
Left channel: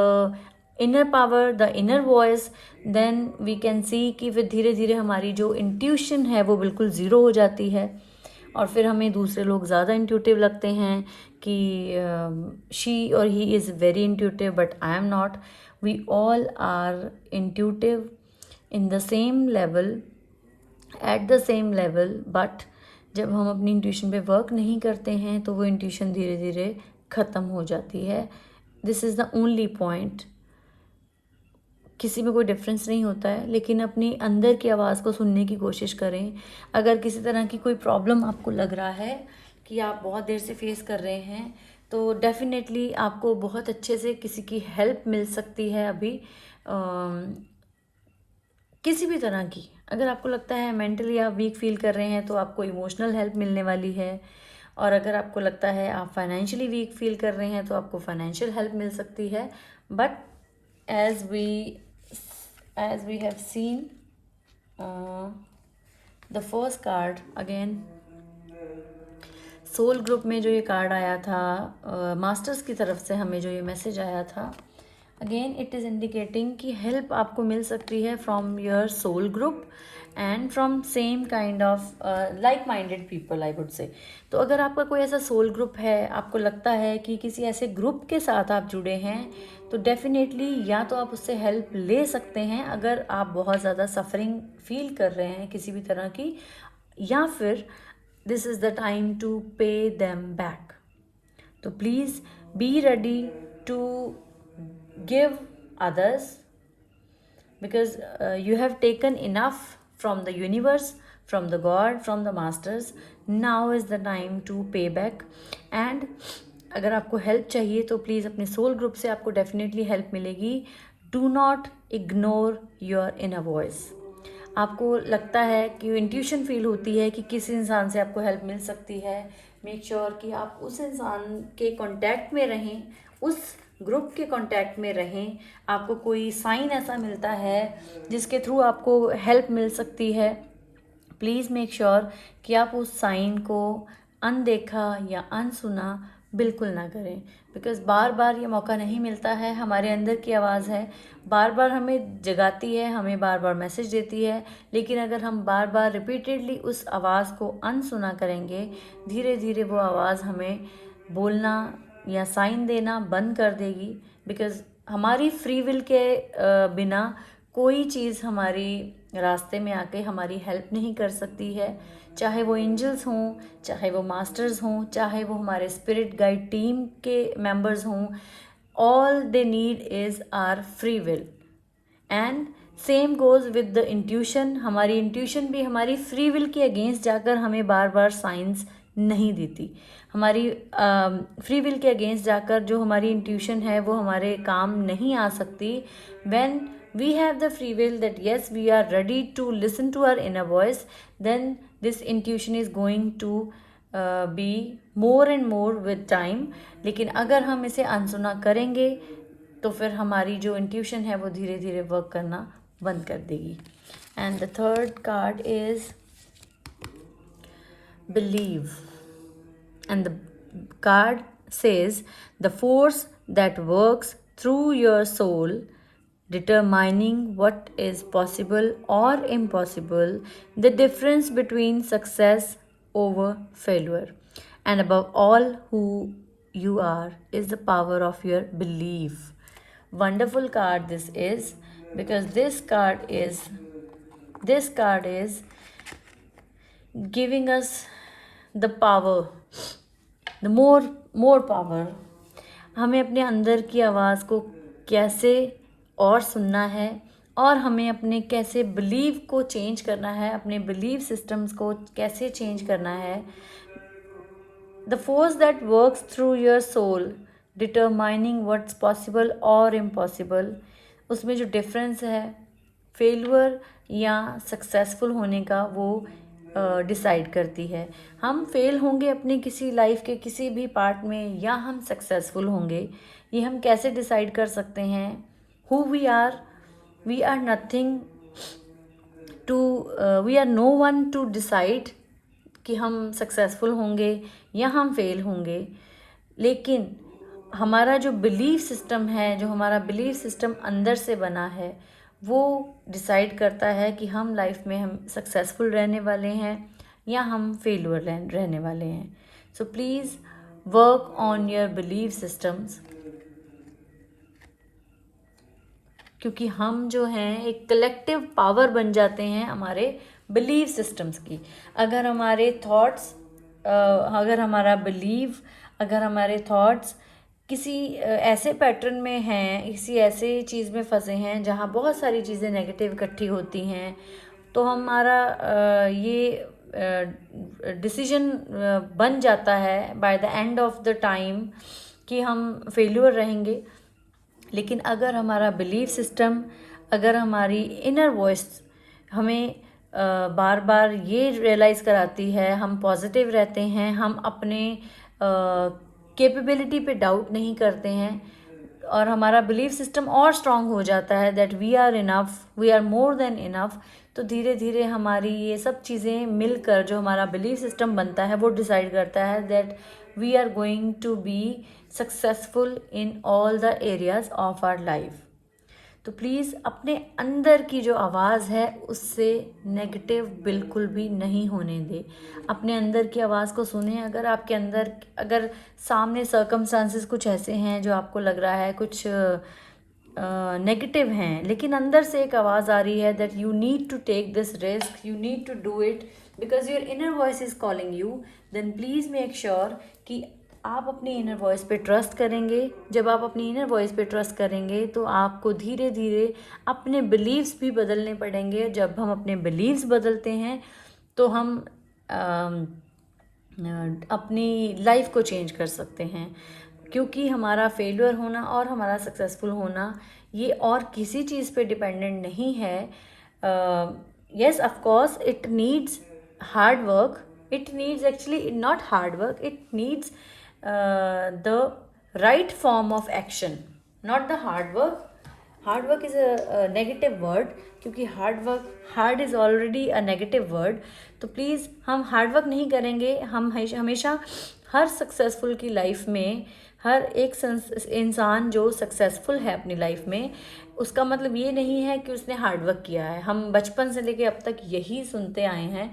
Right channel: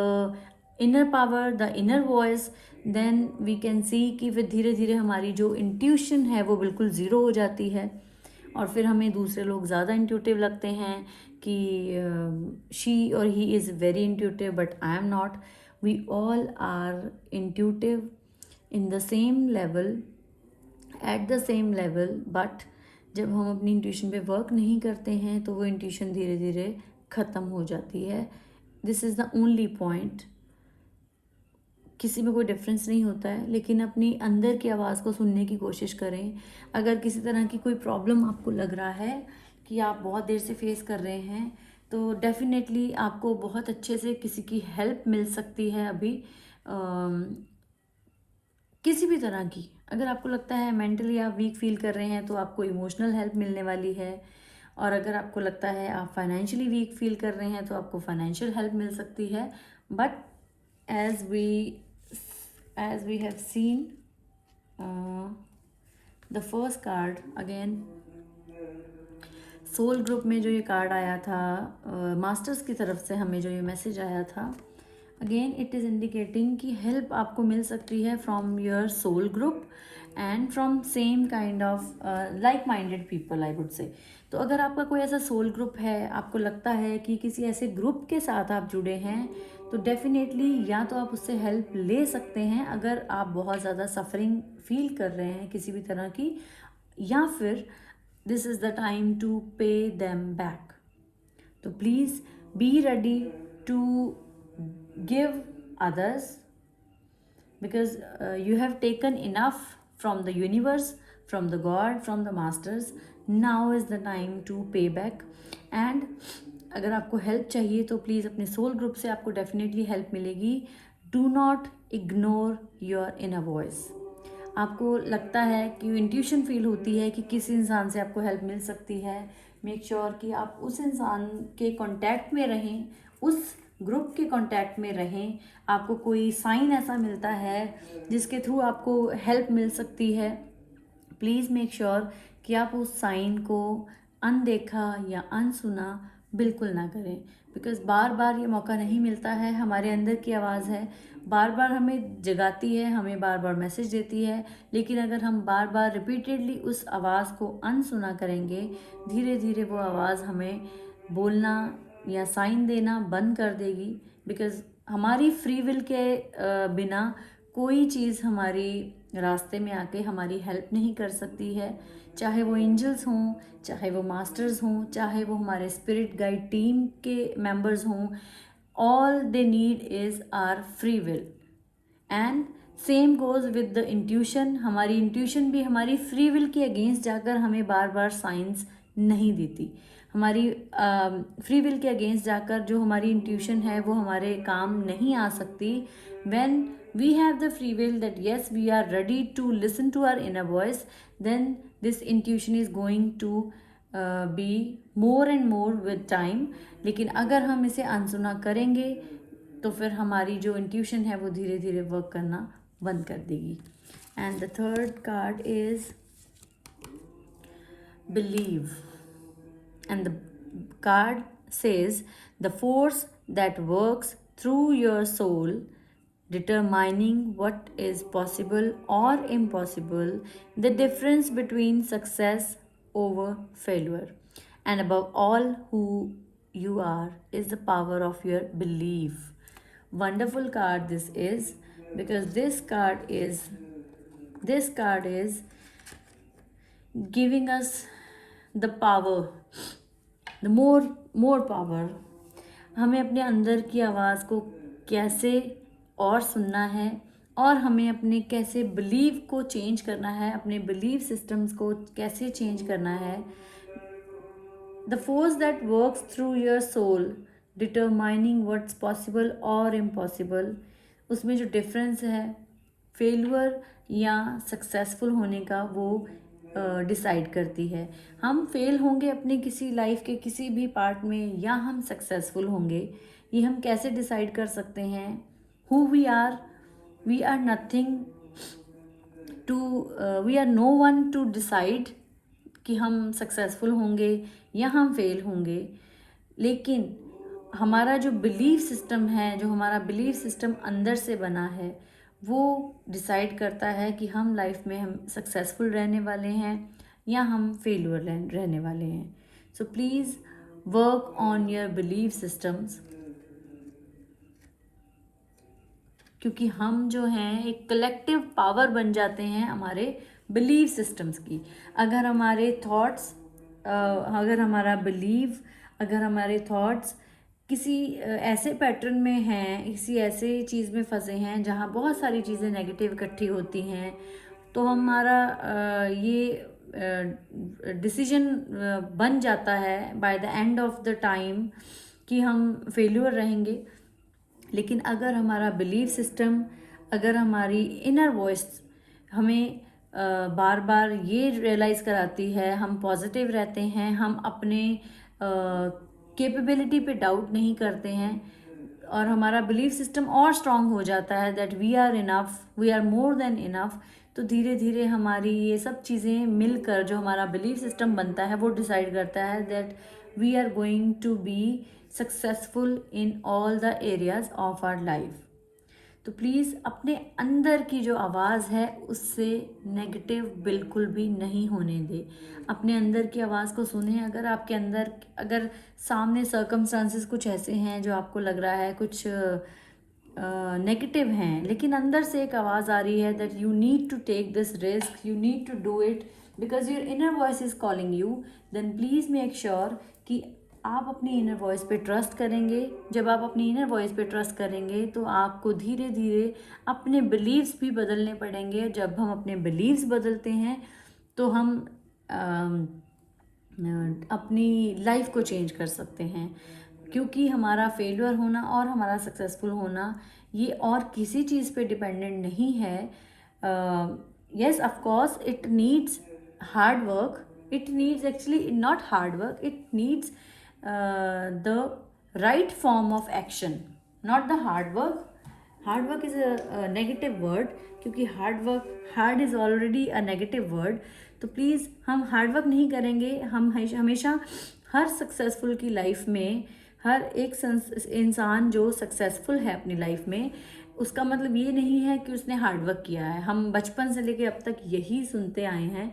inner power, the inner voice, then we can see कि फिर धीरे धीरे हमारी जो इंट्यूशन है वो बिल्कुल ज़ीरो हो जाती है। और फिर हमें दूसरे लोग ज़्यादा इंट्यूटिव लगते हैं कि शी और he is very intuitive, but I am not. We all are intuitive in the same level, at the same level, but जब हम अपनी इंट्यूशन पे वर्क नहीं करते हैं तो वो इंट्यूशन धीरे धीरे ख़त्म हो जाती है। This is the only point. किसी में कोई डिफरेंस नहीं होता है, लेकिन अपनी अंदर की आवाज़ को सुनने की कोशिश करें। अगर किसी तरह की कोई प्रॉब्लम आपको लग रहा है कि आप बहुत देर से फेस कर रहे हैं, तो डेफिनेटली आपको बहुत अच्छे से किसी की हेल्प मिल सकती है। अभी किसी भी तरह की, अगर आपको लगता है मेंटली आप वीक फील कर रहे हैं तो आपको इमोशनल हेल्प मिलने वाली है, और अगर आपको लगता है आप फाइनेंशियली वीक फील कर रहे हैं तो आपको फाइनेंशियल हेल्प मिल सकती है। But as we have seen the first card again, soul group में जो ये कार्ड आया था, मास्टर्स की तरफ से हमें जो ये मैसेज आया था, अगेन इट इज़ इंडिकेटिंग कि हेल्प आपको मिल सकती है from your soul group and from same kind of like minded people, I would say. तो अगर आपका कोई ऐसा सोल ग्रुप है, आपको लगता है कि किसी ऐसे ग्रुप के साथ आप जुड़े हैं, तो डेफिनेटली या तो आप उससे हेल्प ले सकते हैं अगर आप बहुत ज़्यादा सफरिंग फील कर रहे हैं किसी भी तरह की, या फिर this is the time to pay them back. तो please be ready to give others, because you have taken enough from the universe, from the God, from the masters. Now is the time to pay back. And अगर आपको help चाहिए तो please अपने soul group से आपको definitely help मिलेगी। Do not ignore your inner voice. आपको लगता है कि इंट्यूशन फील होती है कि किसी इंसान से आपको हेल्प मिल सकती है, मेक श्योर कि आप उस इंसान के कांटेक्ट में रहें, उस ग्रुप के कांटेक्ट में रहें। आपको कोई साइन ऐसा मिलता है जिसके थ्रू आपको हेल्प मिल सकती है, प्लीज़ मेक श्योर कि आप उस साइन को अनदेखा या अनसुना बिल्कुल ना करें। बिकॉज़ बार बार ये मौका नहीं मिलता है। हमारे अंदर की आवाज़ है, बार बार हमें जगाती है, हमें बार बार मैसेज देती है, लेकिन अगर हम बार बार रिपीटेडली उस आवाज़ को अनसुना करेंगे, धीरे धीरे वो आवाज़ हमें बोलना या साइन देना बंद कर देगी। बिकॉज़ हमारी फ्री विल के बिना कोई चीज़ हमारी रास्ते में आके हमारी हेल्प नहीं कर सकती है, चाहे वो एंजल्स हों, चाहे वो मास्टर्स हों, चाहे वो हमारे स्पिरिट गाइड टीम के मेंबर्स हों। All they need is are free will. And same goes with the intuition. हमारी इंट्यूशन भी हमारी फ्री विल के अगेंस्ट जाकर हमें बार बार साइंस नहीं देती। हमारी फ्री विल के अगेंस्ट जाकर जो हमारी इंट्यूशन है वो हमारे काम नहीं आ सकती। When we have the free will that yes we are ready to listen to our inner voice, then this intuition is going to be more and more with time. लेकिन अगर हम इसे अनसुना करेंगे तो फिर हमारी जो इंट्यूशन है वो धीरे धीरे वर्क करना बंद कर देगी। And the third card is believe, and the card says the force that works through your soul, determining what is possible or impossible, the difference between success over failure, and above all who you are is the power of your belief. Wonderful card this is, because this card is giving us the power, the more power। हमें अपने अंदर की आवाज़ को कैसे और सुनना है, और हमें अपने कैसे बिलीव को चेंज करना है, अपने बिलीव सिस्टम्स को कैसे चेंज करना है। The force that works through your soul, determining what's possible और इम्पॉसिबल। उसमें जो डिफरेंस है फेलियर या सक्सेसफुल होने का, वो डिसाइड करती है। हम फेल होंगे अपनी किसी लाइफ के किसी भी पार्ट में, या हम सक्सेसफुल होंगे, ये हम कैसे डिसाइड कर सकते हैं। Who we are nothing to, we are no one to decide कि हम सक्सेसफुल होंगे या हम फेल होंगे। लेकिन हमारा जो बिलीफ सिस्टम है, जो हमारा बिलीफ सिस्टम अंदर से बना है, वो डिसाइड करता है कि हम लाइफ में हम सक्सेसफुल रहने वाले हैं या हम फेलियर रहने वाले हैं। So please work on your belief systems, क्योंकि हम जो हैं एक कलेक्टिव पावर बन जाते हैं हमारे बिलीफ सिस्टम्स की। अगर हमारे थॉट्स, अगर हमारा बिलीव, अगर हमारे थॉट्स किसी ऐसे पैटर्न में हैं, किसी ऐसे चीज़ में फंसे हैं जहाँ बहुत सारी चीज़ें नेगेटिव इकट्ठी होती हैं, तो हमारा ये डिसीजन बन जाता है by the end of the time कि हम फेल्यूर रहेंगे। लेकिन अगर हमारा बिलीफ सिस्टम, अगर हमारी इनर वॉइस हमें बार बार ये रियलाइज़ कराती है, हम पॉजिटिव रहते हैं, हम अपने कैपेबिलिटी पे डाउट नहीं करते हैं, और हमारा बिलीफ सिस्टम और स्ट्रांग हो जाता है that we are enough, we are more than enough, तो धीरे धीरे हमारी ये सब चीज़ें मिलकर जो हमारा बिलीफ सिस्टम बनता है वो डिसाइड करता है that we are going to be successful in all the areas of our life. तो प्लीज़ अपने अंदर की जो आवाज़ है उससे नेगेटिव बिल्कुल भी नहीं होने दे। अपने अंदर की आवाज़ को सुने। अगर आपके अंदर, अगर सामने सर्कमस्टांसेस कुछ ऐसे हैं जो आपको लग रहा है कुछ नेगेटिव हैं, लेकिन अंदर से एक आवाज़ आ रही है that you need to take this risk, you need to do it because your inner voice is calling you, then please make sure कि आप अपनी इनर वॉइस पे ट्रस्ट करेंगे। जब आप अपनी इनर वॉइस पे ट्रस्ट करेंगे तो आपको धीरे धीरे अपने बिलीव्स भी बदलने पड़ेंगे। जब हम अपने बिलीव्स बदलते हैं तो हम अपनी लाइफ को चेंज कर सकते हैं, क्योंकि हमारा फेलियर होना और हमारा सक्सेसफुल होना ये और किसी चीज़ पे डिपेंडेंट नहीं है। Yes, of course it needs hard work, it needs actually not hard work, it needs the right form of action, not the hard work. Hard work is a negative word, क्योंकि hard is already a negative word. तो please हम hard work नहीं करेंगे। हम हमेशा हर successful की life में हर एक इंसान जो सक्सेसफुल है अपनी लाइफ में, उसका मतलब ये नहीं है कि उसने हार्डवर्क किया है। हम बचपन से लेके अब तक यही सुनते आए हैं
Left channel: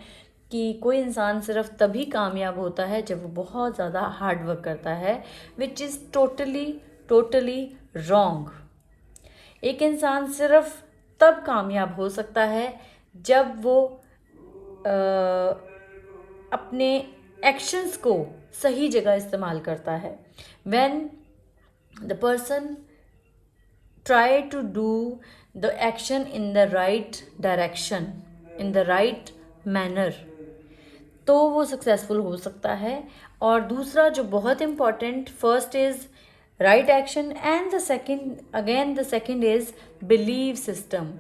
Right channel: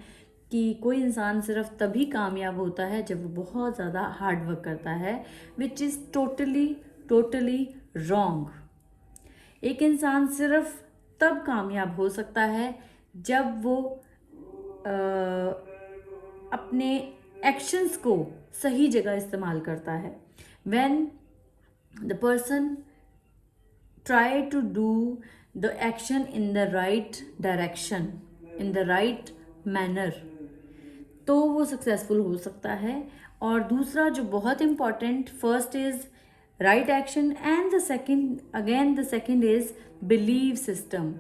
कि कोई इंसान सिर्फ तभी कामयाब होता है जब वो बहुत ज़्यादा हार्डवर्क करता है, which is totally totally wrong. एक इंसान सिर्फ तब कामयाब हो सकता है जब वो अपने एक्शंस को सही जगह इस्तेमाल करता है। When the person try to do the action in the right direction, in the right manner, तो वो सक्सेसफुल हो सकता है। और दूसरा जो बहुत important, first is right action and the second is believe system.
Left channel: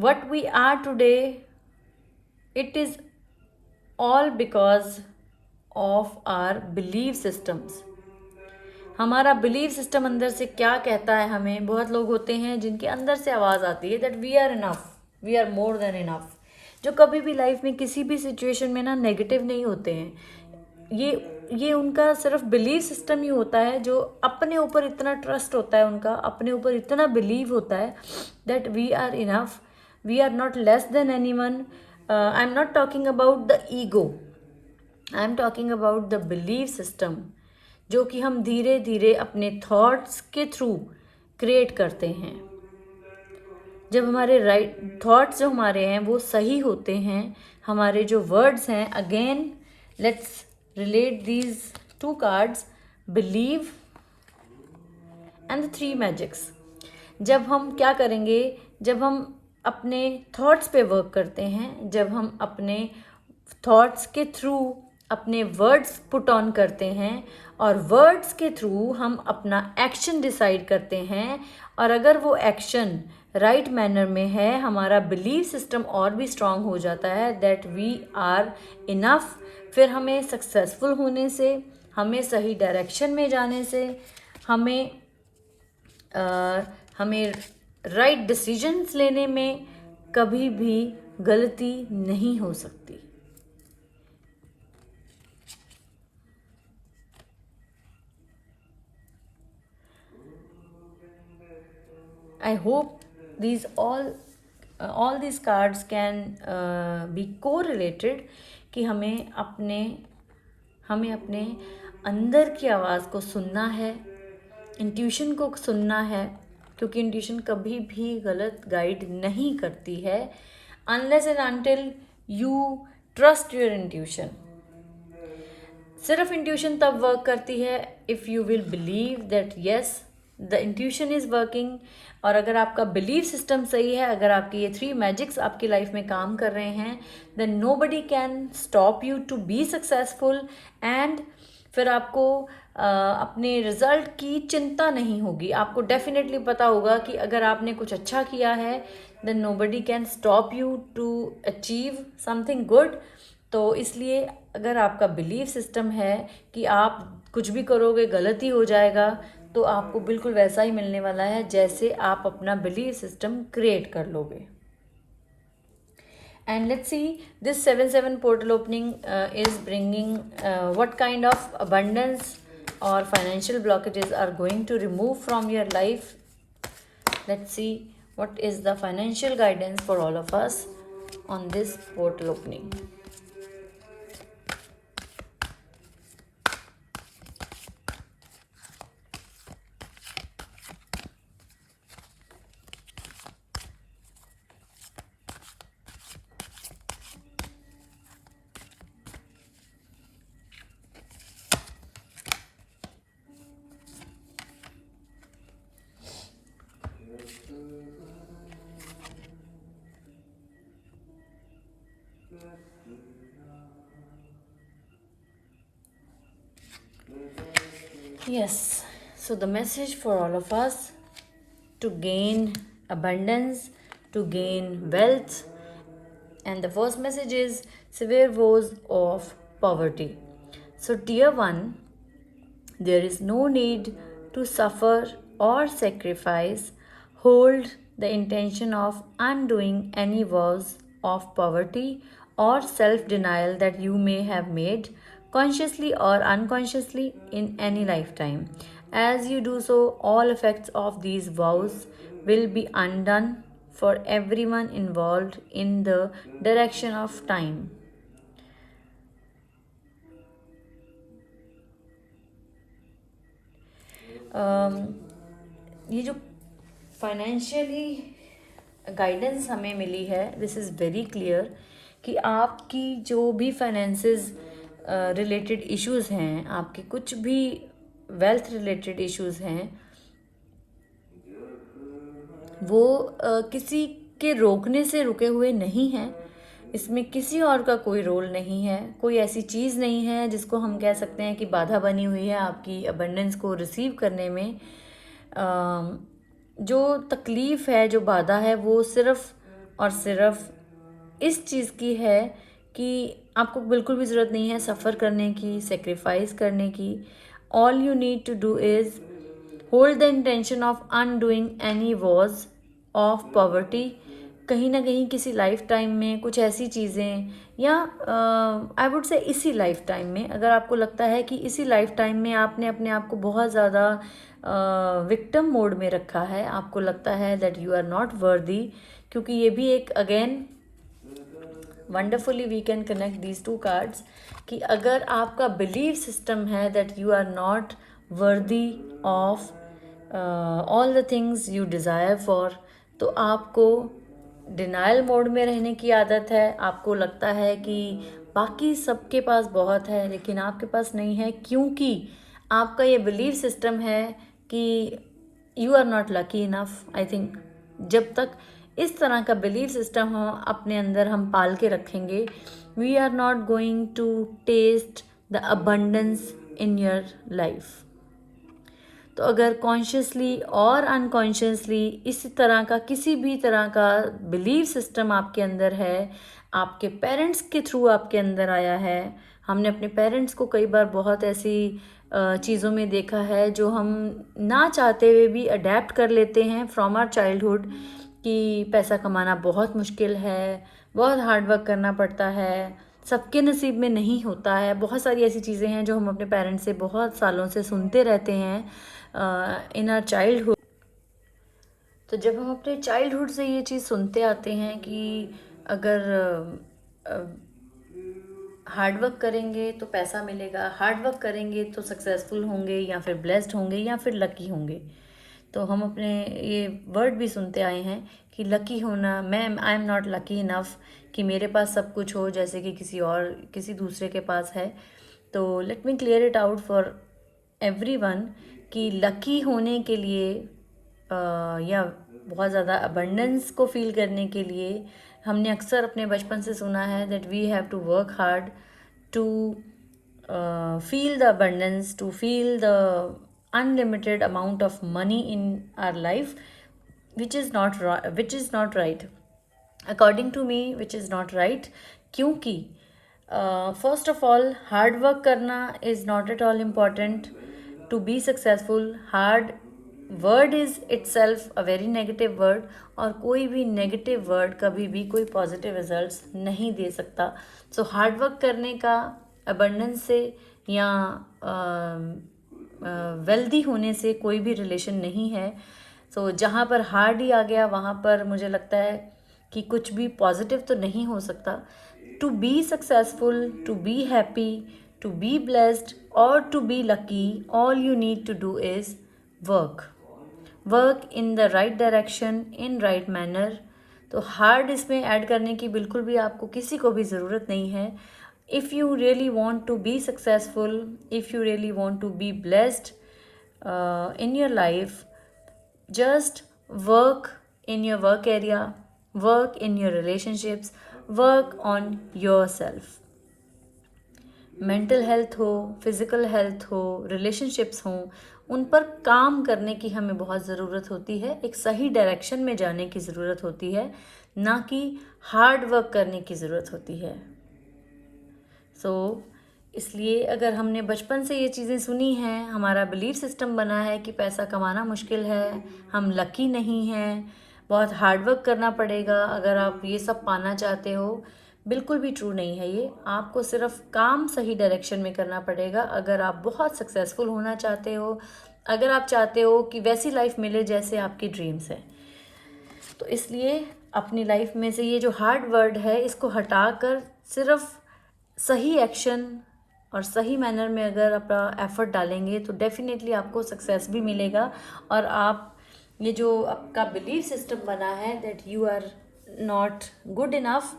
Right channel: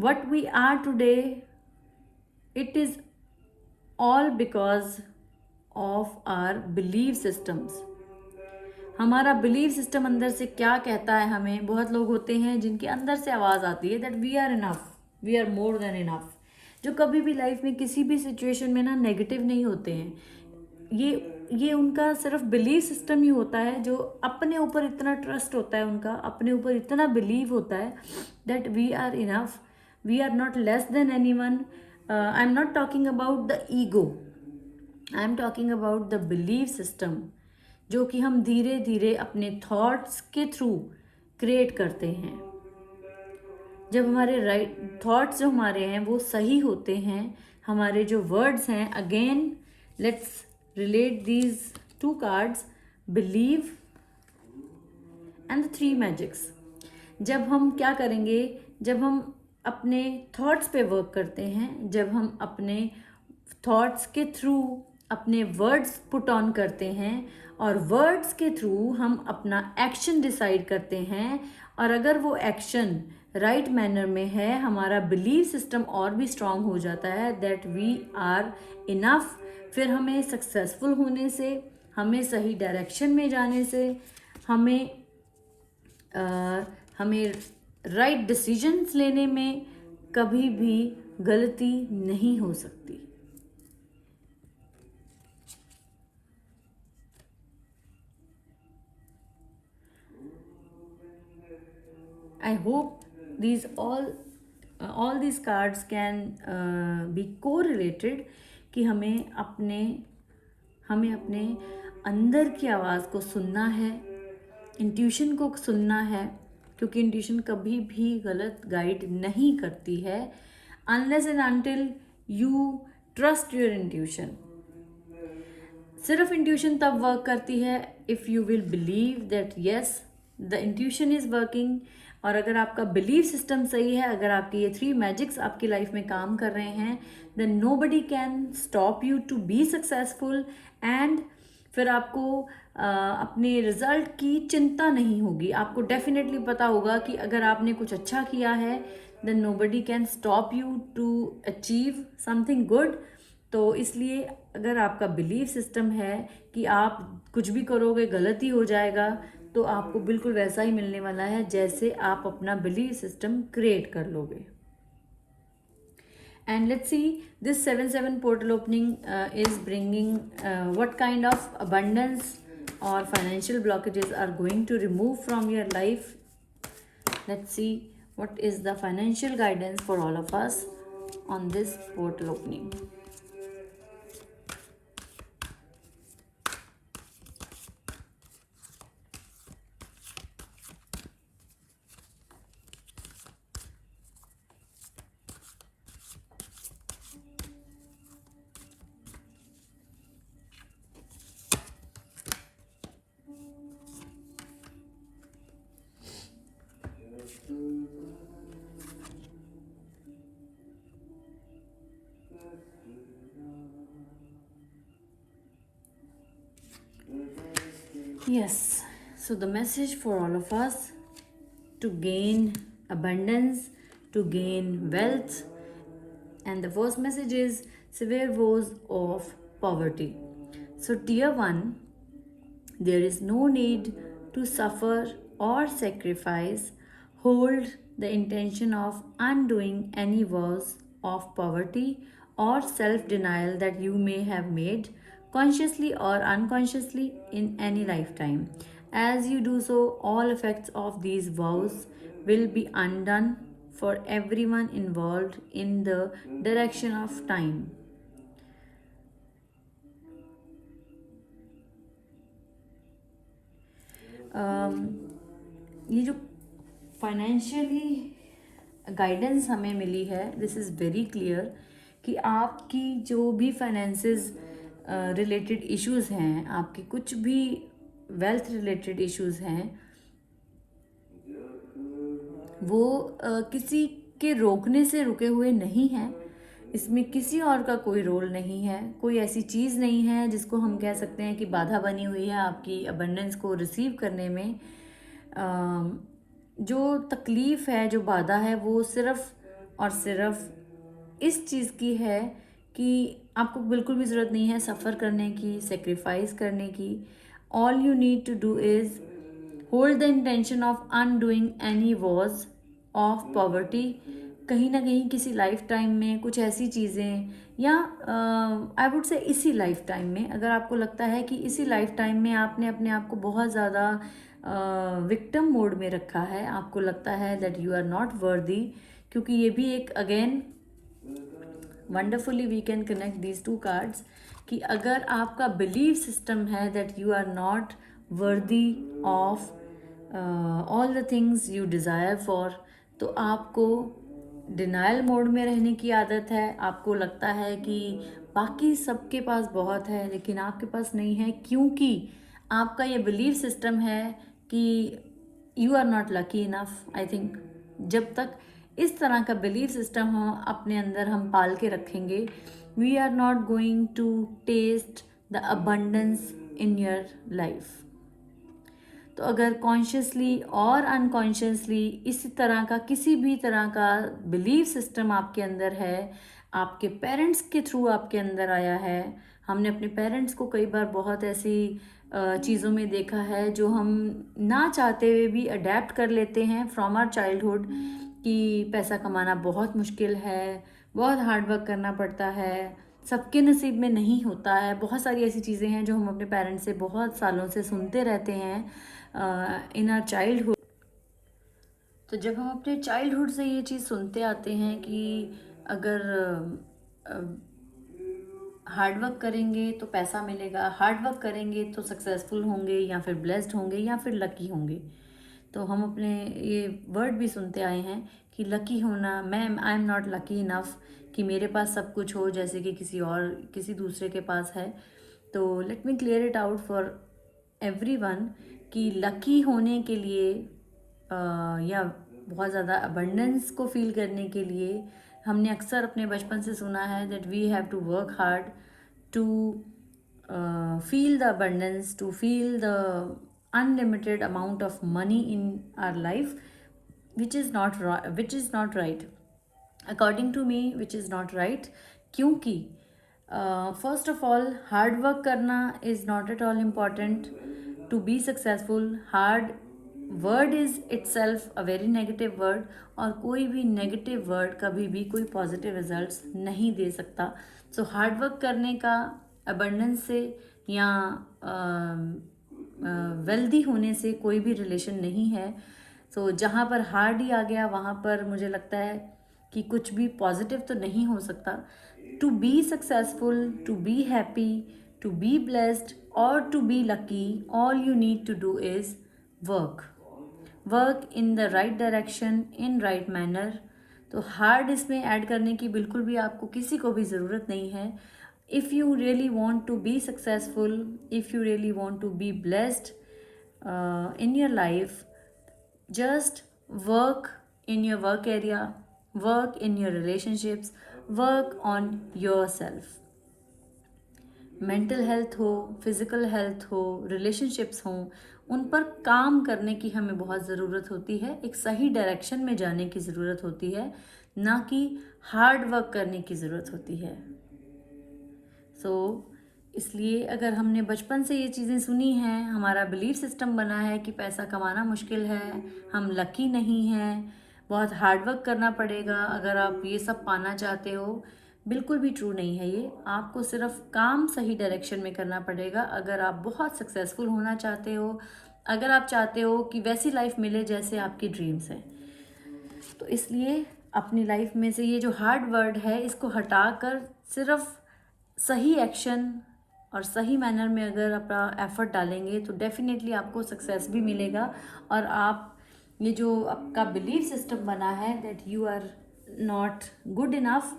What we are today, it is all because of our believe systems. हमारा बिलीव सिस्टम अंदर से क्या कहता है हमें। बहुत लोग होते हैं जिनके अंदर से आवाज़ आती है that we are enough, we are more than enough, जो कभी भी लाइफ में किसी भी सिचुएशन में ना नेगेटिव नहीं होते हैं। ये उनका सिर्फ बिलीव सिस्टम ही होता है, जो अपने ऊपर इतना ट्रस्ट होता है, उनका अपने ऊपर इतना बिलीव होता है that we are enough, we are not less than anyone. I am not talking about the ego, I am talking about the believe system, जो कि हम धीरे धीरे अपने थॉट्स के थ्रू क्रिएट करते हैं। जब हमारे राइट थॉट्स जो हमारे हैं वो सही होते हैं, हमारे जो वर्ड्स हैं, again let's relate these to cards, believe and the three magics. जब हम क्या करेंगे, जब हम अपने थॉट्स पे वर्क करते हैं, जब हम अपने थॉट्स के थ्रू अपने वर्ड्स पुट ऑन करते हैं और वर्ड्स के थ्रू हम अपना एक्शन डिसाइड करते हैं, और अगर वो एक्शन राइट मैनर में है, हमारा बिलीव सिस्टम और भी स्ट्रांग हो जाता है दैट वी आर इनफ। फिर हमें सक्सेसफुल होने से, हमें सही डायरेक्शन में जाने से, हमें राइट डिसीजंस लेने में कभी भी गलती नहीं हो सकती। I hope these all these cards can be correlated कि हमें अपने अंदर की आवाज़ को सुनना है, इंट्यूशन को सुनना है, क्योंकि इंट्यूशन कभी भी गलत गाइड नहीं करती है unless and until you trust your intuition. सिर्फ इंट्यूशन तब वर्क करती है if you will believe that yes the intuition is working. और अगर आपका बिलीव सिस्टम सही है, अगर आपके ये थ्री मैजिक्स आपकी लाइफ में काम कर रहे हैं, then nobody can stop you to be successful. And फिर आपको अपने रिजल्ट की चिंता नहीं होगी। आपको डेफिनेटली पता होगा कि अगर आपने कुछ अच्छा किया है, then nobody can stop you to achieve something good. तो इसलिए अगर आपका बिलीव सिस्टम है कि आप कुछ भी करोगे गलत ही हो जाएगा, तो आपको बिल्कुल वैसा ही मिलने वाला है जैसे आप अपना बिलीव सिस्टम क्रिएट कर लोगे। And let's see, this 7/7 portal opening is bringing what kind of abundance or financial blockages are going to remove from your life. Let's see what is the financial guidance for all of us on this portal opening. Yes, so the message for all of us: to gain abundance, to gain wealth, and the first message is severe woes of poverty. So dear one, there is no need to suffer or sacrifice. Hold the intention of undoing any vows of poverty or self-denial that you may have made consciously or unconsciously in any lifetime. As you do so, all effects of these vows will be undone for everyone involved in the direction of time. ये जो financially guidance हमें मिली है, this is very clear कि आपकी जो भी finances related issues हैं, आपके कुछ भी वेल्थ रिलेटेड इश्यूज़ हैं, वो किसी के रोकने से रुके हुए नहीं हैं। इसमें किसी और का कोई रोल नहीं है, कोई ऐसी चीज़ नहीं है जिसको हम कह सकते हैं कि बाधा बनी हुई है आपकी अबंडेंस को रिसीव करने में। जो तकलीफ़ है, जो बाधा है, वो सिर्फ़ और सिर्फ इस चीज़ की है कि आपको बिल्कुल भी ज़रूरत नहीं है सफ़र करने की, सेक्रीफाइस करने की। All you need to do is hold the intention of undoing any vows of poverty. कहीं ना कहीं किसी लाइफ टाइम में कुछ ऐसी चीज़ें, या आई वुड से इसी लाइफ टाइम में, अगर आपको लगता है कि इसी लाइफ टाइम में आपने अपने आप को बहुत ज़्यादा विक्टिम मोड में रखा है, आपको लगता है दैट यू आर नॉट वर्दी, क्योंकि ये भी एक again wonderfully we can connect these to cards कि अगर आपका बिलीव सिस्टम है that you are not worthy of all the things you desire for, तो आपको डिनाइल मोड में रहने की आदत है। आपको लगता है कि बाकी सबके पास बहुत है लेकिन आपके पास नहीं है, क्योंकि आपका ये बिलीव सिस्टम है कि you are not lucky enough. I think जब तक इस तरह का बिलीव सिस्टम हम अपने अंदर हम पाल के रखेंगे, we are not going to test the abundance in your life. तो अगर कॉन्शियसली और अनकॉन्शियसली इस तरह का किसी भी तरह का बिलीव सिस्टम आपके अंदर है, आपके पेरेंट्स के थ्रू आपके अंदर आया है, हमने अपने पेरेंट्स को कई बार बहुत ऐसी चीज़ों में देखा है जो हम ना चाहते हुए भी अडेप्ट कर लेते हैं फ्रॉम आवर चाइल्डहुड, कि पैसा कमाना बहुत मुश्किल है, बहुत हार्ड वर्क करना पड़ता है, सबके नसीब में नहीं होता है। बहुत सारी ऐसी चीज़ें हैं जो हम अपने पेरेंट्स से बहुत सालों से सुनते रहते हैं इन आवर चाइल्डहुड। तो जब हम अपने चाइल्डहुड से ये चीज़ सुनते आते हैं कि अगर हार्ड वर्क करेंगे तो पैसा मिलेगा, हार्ड वर्क करेंगे तो सक्सेसफुल होंगे, या फिर ब्लेस्ड होंगे, या फिर लकी होंगे, तो हम अपने ये वर्ड भी सुनते आए हैं कि लकी होना, मैं आई एम नॉट लकी इनफ कि मेरे पास सब कुछ हो जैसे कि किसी दूसरे के पास है। तो let me clear it out for everyone कि लकी होने के लिए या बहुत ज़्यादा अबंडेंस को फील करने के लिए हमने अक्सर अपने बचपन से सुना है that we have to work hard to feel the abundance, to feel the unlimited amount of money in our life, which is not right according to me, which is not right, क्योंकि first of all hard work करना is not at all important to be successful. Hard word is itself a very negative word, और कोई भी negative word कभी भी कोई positive results नहीं दे सकता। सो हार्ड वर्क करने का अबंडेंस से या वेल्दी होने से कोई भी रिलेशन नहीं है। सो जहाँ पर हार्ड ही आ गया वहाँ पर मुझे लगता है कि कुछ भी पॉजिटिव तो नहीं हो सकता। To be successful, to be happy, to be blessed और to be lucky, all you need to do is work in the right direction, in right manner. तो हार्ड इसमें ऐड करने की बिल्कुल भी आपको किसी को भी ज़रूरत नहीं है। if you really want to be successful, if you really want to be blessed in your life, just work in your work area, work in your relationships, work on yourself. Mental health हो, physical health हो, relationships हों, उन पर काम करने की हमें बहुत ज़रूरत होती है। एक सही डायरेक्शन में जाने की ज़रूरत होती है, ना कि हार्ड वर्क करने की ज़रूरत होती है। इसलिए अगर हमने बचपन से ये चीज़ें सुनी हैं, हमारा बिलीफ सिस्टम बना है कि पैसा कमाना मुश्किल है, हम लकी नहीं हैं, बहुत हार्ड वर्क करना पड़ेगा अगर आप ये सब पाना चाहते हो, बिल्कुल भी ट्रू नहीं है ये। आपको सिर्फ काम सही डायरेक्शन में करना पड़ेगा। अगर आप बहुत सक्सेसफुल होना चाहते हो अगर आप चाहते हो कि वैसी लाइफ मिले जैसे आपकी ड्रीम्स है। तो इसलिए अपनी लाइफ में से ये जो हार्ड वर्ड है इसको हटाकर सिर्फ सही एक्शन और सही मैनर में अगर अपना एफर्ट डालेंगे तो डेफिनेटली आपको सक्सेस भी मिलेगा। और आप ये जो आपका बिलीफ सिस्टम बना है that you are not good enough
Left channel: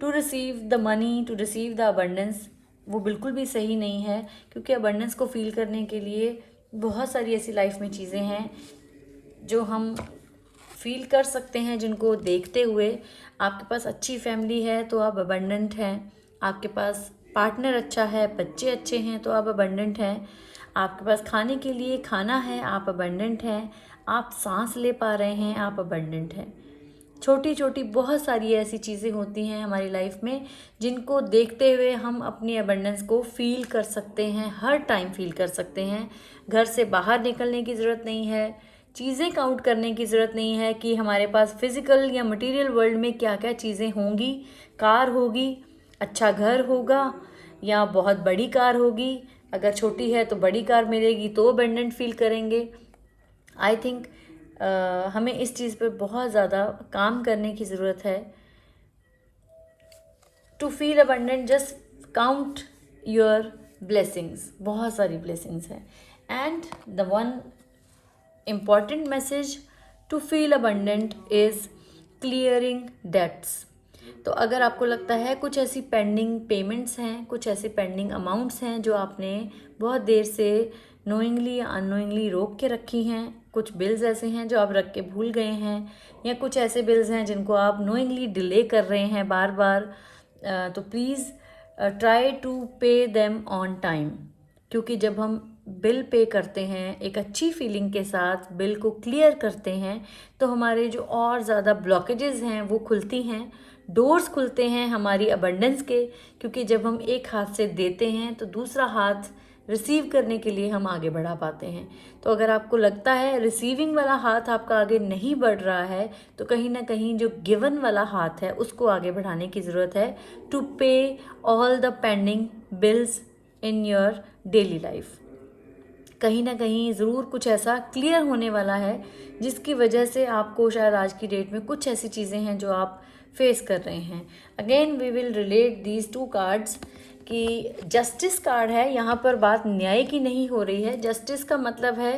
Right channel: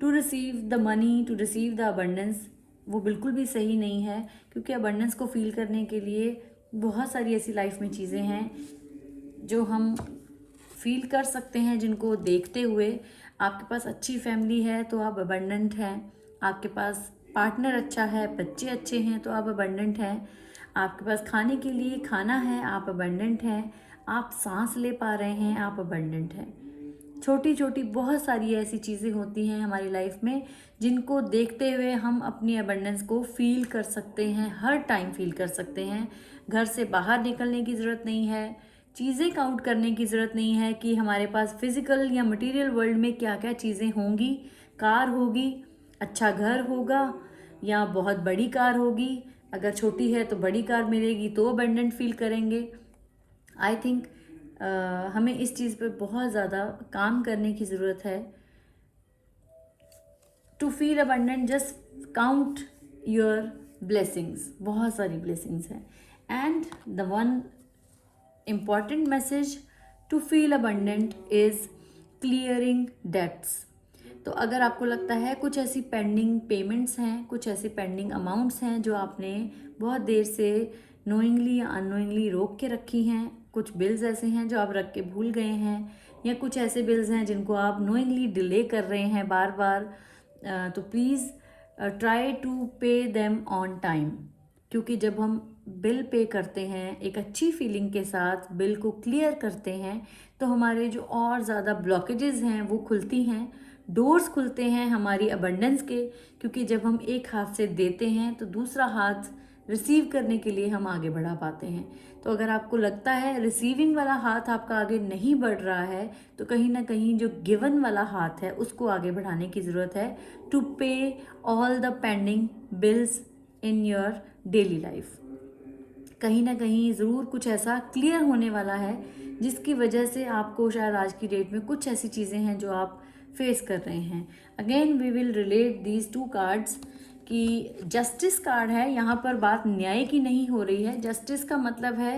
to receive the money, to receive the abundance, वो बिल्कुल भी सही नहीं है। क्योंकि अबंडेंस को फील करने के लिए बहुत सारी ऐसी लाइफ में चीज़ें हैं जो हम फील कर सकते हैं, जिनको देखते हुए आपके पास अच्छी फैमिली है तो आप अबंडेंट हैं, आपके पास पार्टनर अच्छा है, बच्चे अच्छे हैं तो आप अबंडेंट हैं, आपके पास खाने के लिए खाना है आप अबंडेंट हैं, आप सांस ले पा रहे हैं आप अबंडेंट हैं। छोटी छोटी बहुत सारी ऐसी चीज़ें होती हैं हमारी लाइफ में जिनको देखते हुए हम अपनी अबंडेंस को फील कर सकते हैं, हर टाइम फील कर सकते हैं। घर से बाहर निकलने की ज़रूरत नहीं है, चीज़ें काउंट करने की ज़रूरत नहीं है कि हमारे पास फिज़िकल या मटेरियल वर्ल्ड में क्या क्या चीज़ें होंगी। कार होगी, अच्छा घर होगा या बहुत बड़ी कार होगी, अगर छोटी है तो बड़ी कार मिलेगी तो अबंडेंट फील करेंगे। आई थिंक हमें इस चीज़ पर बहुत ज़्यादा काम करने की ज़रूरत है। To feel abundant just count your blessings, बहुत सारी ब्लेसिंग्स हैं। And the one important message to feel abundant is clearing debts. तो अगर आपको लगता है कुछ ऐसी पेंडिंग पेमेंट्स हैं, कुछ ऐसी पेंडिंग अमाउंट्स हैं जो आपने बहुत देर से नोइंगली या अननोइंगली रोक के रखी हैं, कुछ बिल्स ऐसे हैं जो आप रख के भूल गए हैं, या कुछ ऐसे बिल्स हैं जिनको आप नोइंगली डिले कर रहे हैं बार बार, तो please try to pay them on time. क्योंकि जब हम बिल पे करते हैं एक अच्छी फीलिंग के साथ, बिल को क्लियर करते हैं, तो हमारे जो और ज़्यादा ब्लॉकेजेस हैं वो खुलती हैं, डोर्स खुलते हैं हमारी अबंडेंस के। क्योंकि जब हम एक हाथ से देते हैं तो दूसरा हाथ रिसीव करने के लिए हम आगे बढ़ा पाते हैं। तो अगर आपको लगता है रिसीविंग वाला हाथ आपका आगे नहीं बढ़ रहा है तो कहीं ना कहीं जो गिवन वाला हाथ है उसको आगे बढ़ाने की ज़रूरत है, टू पे all the pending bills in your daily life. कहीं ना कहीं ज़रूर कुछ ऐसा क्लियर होने वाला है जिसकी वजह से आपको शायद आज की डेट में कुछ ऐसी चीज़ें हैं जो आप फेस कर रहे हैं। Again we will relate these to cards कि जस्टिस कार्ड है, यहाँ पर बात न्याय की नहीं हो रही है। जस्टिस का मतलब है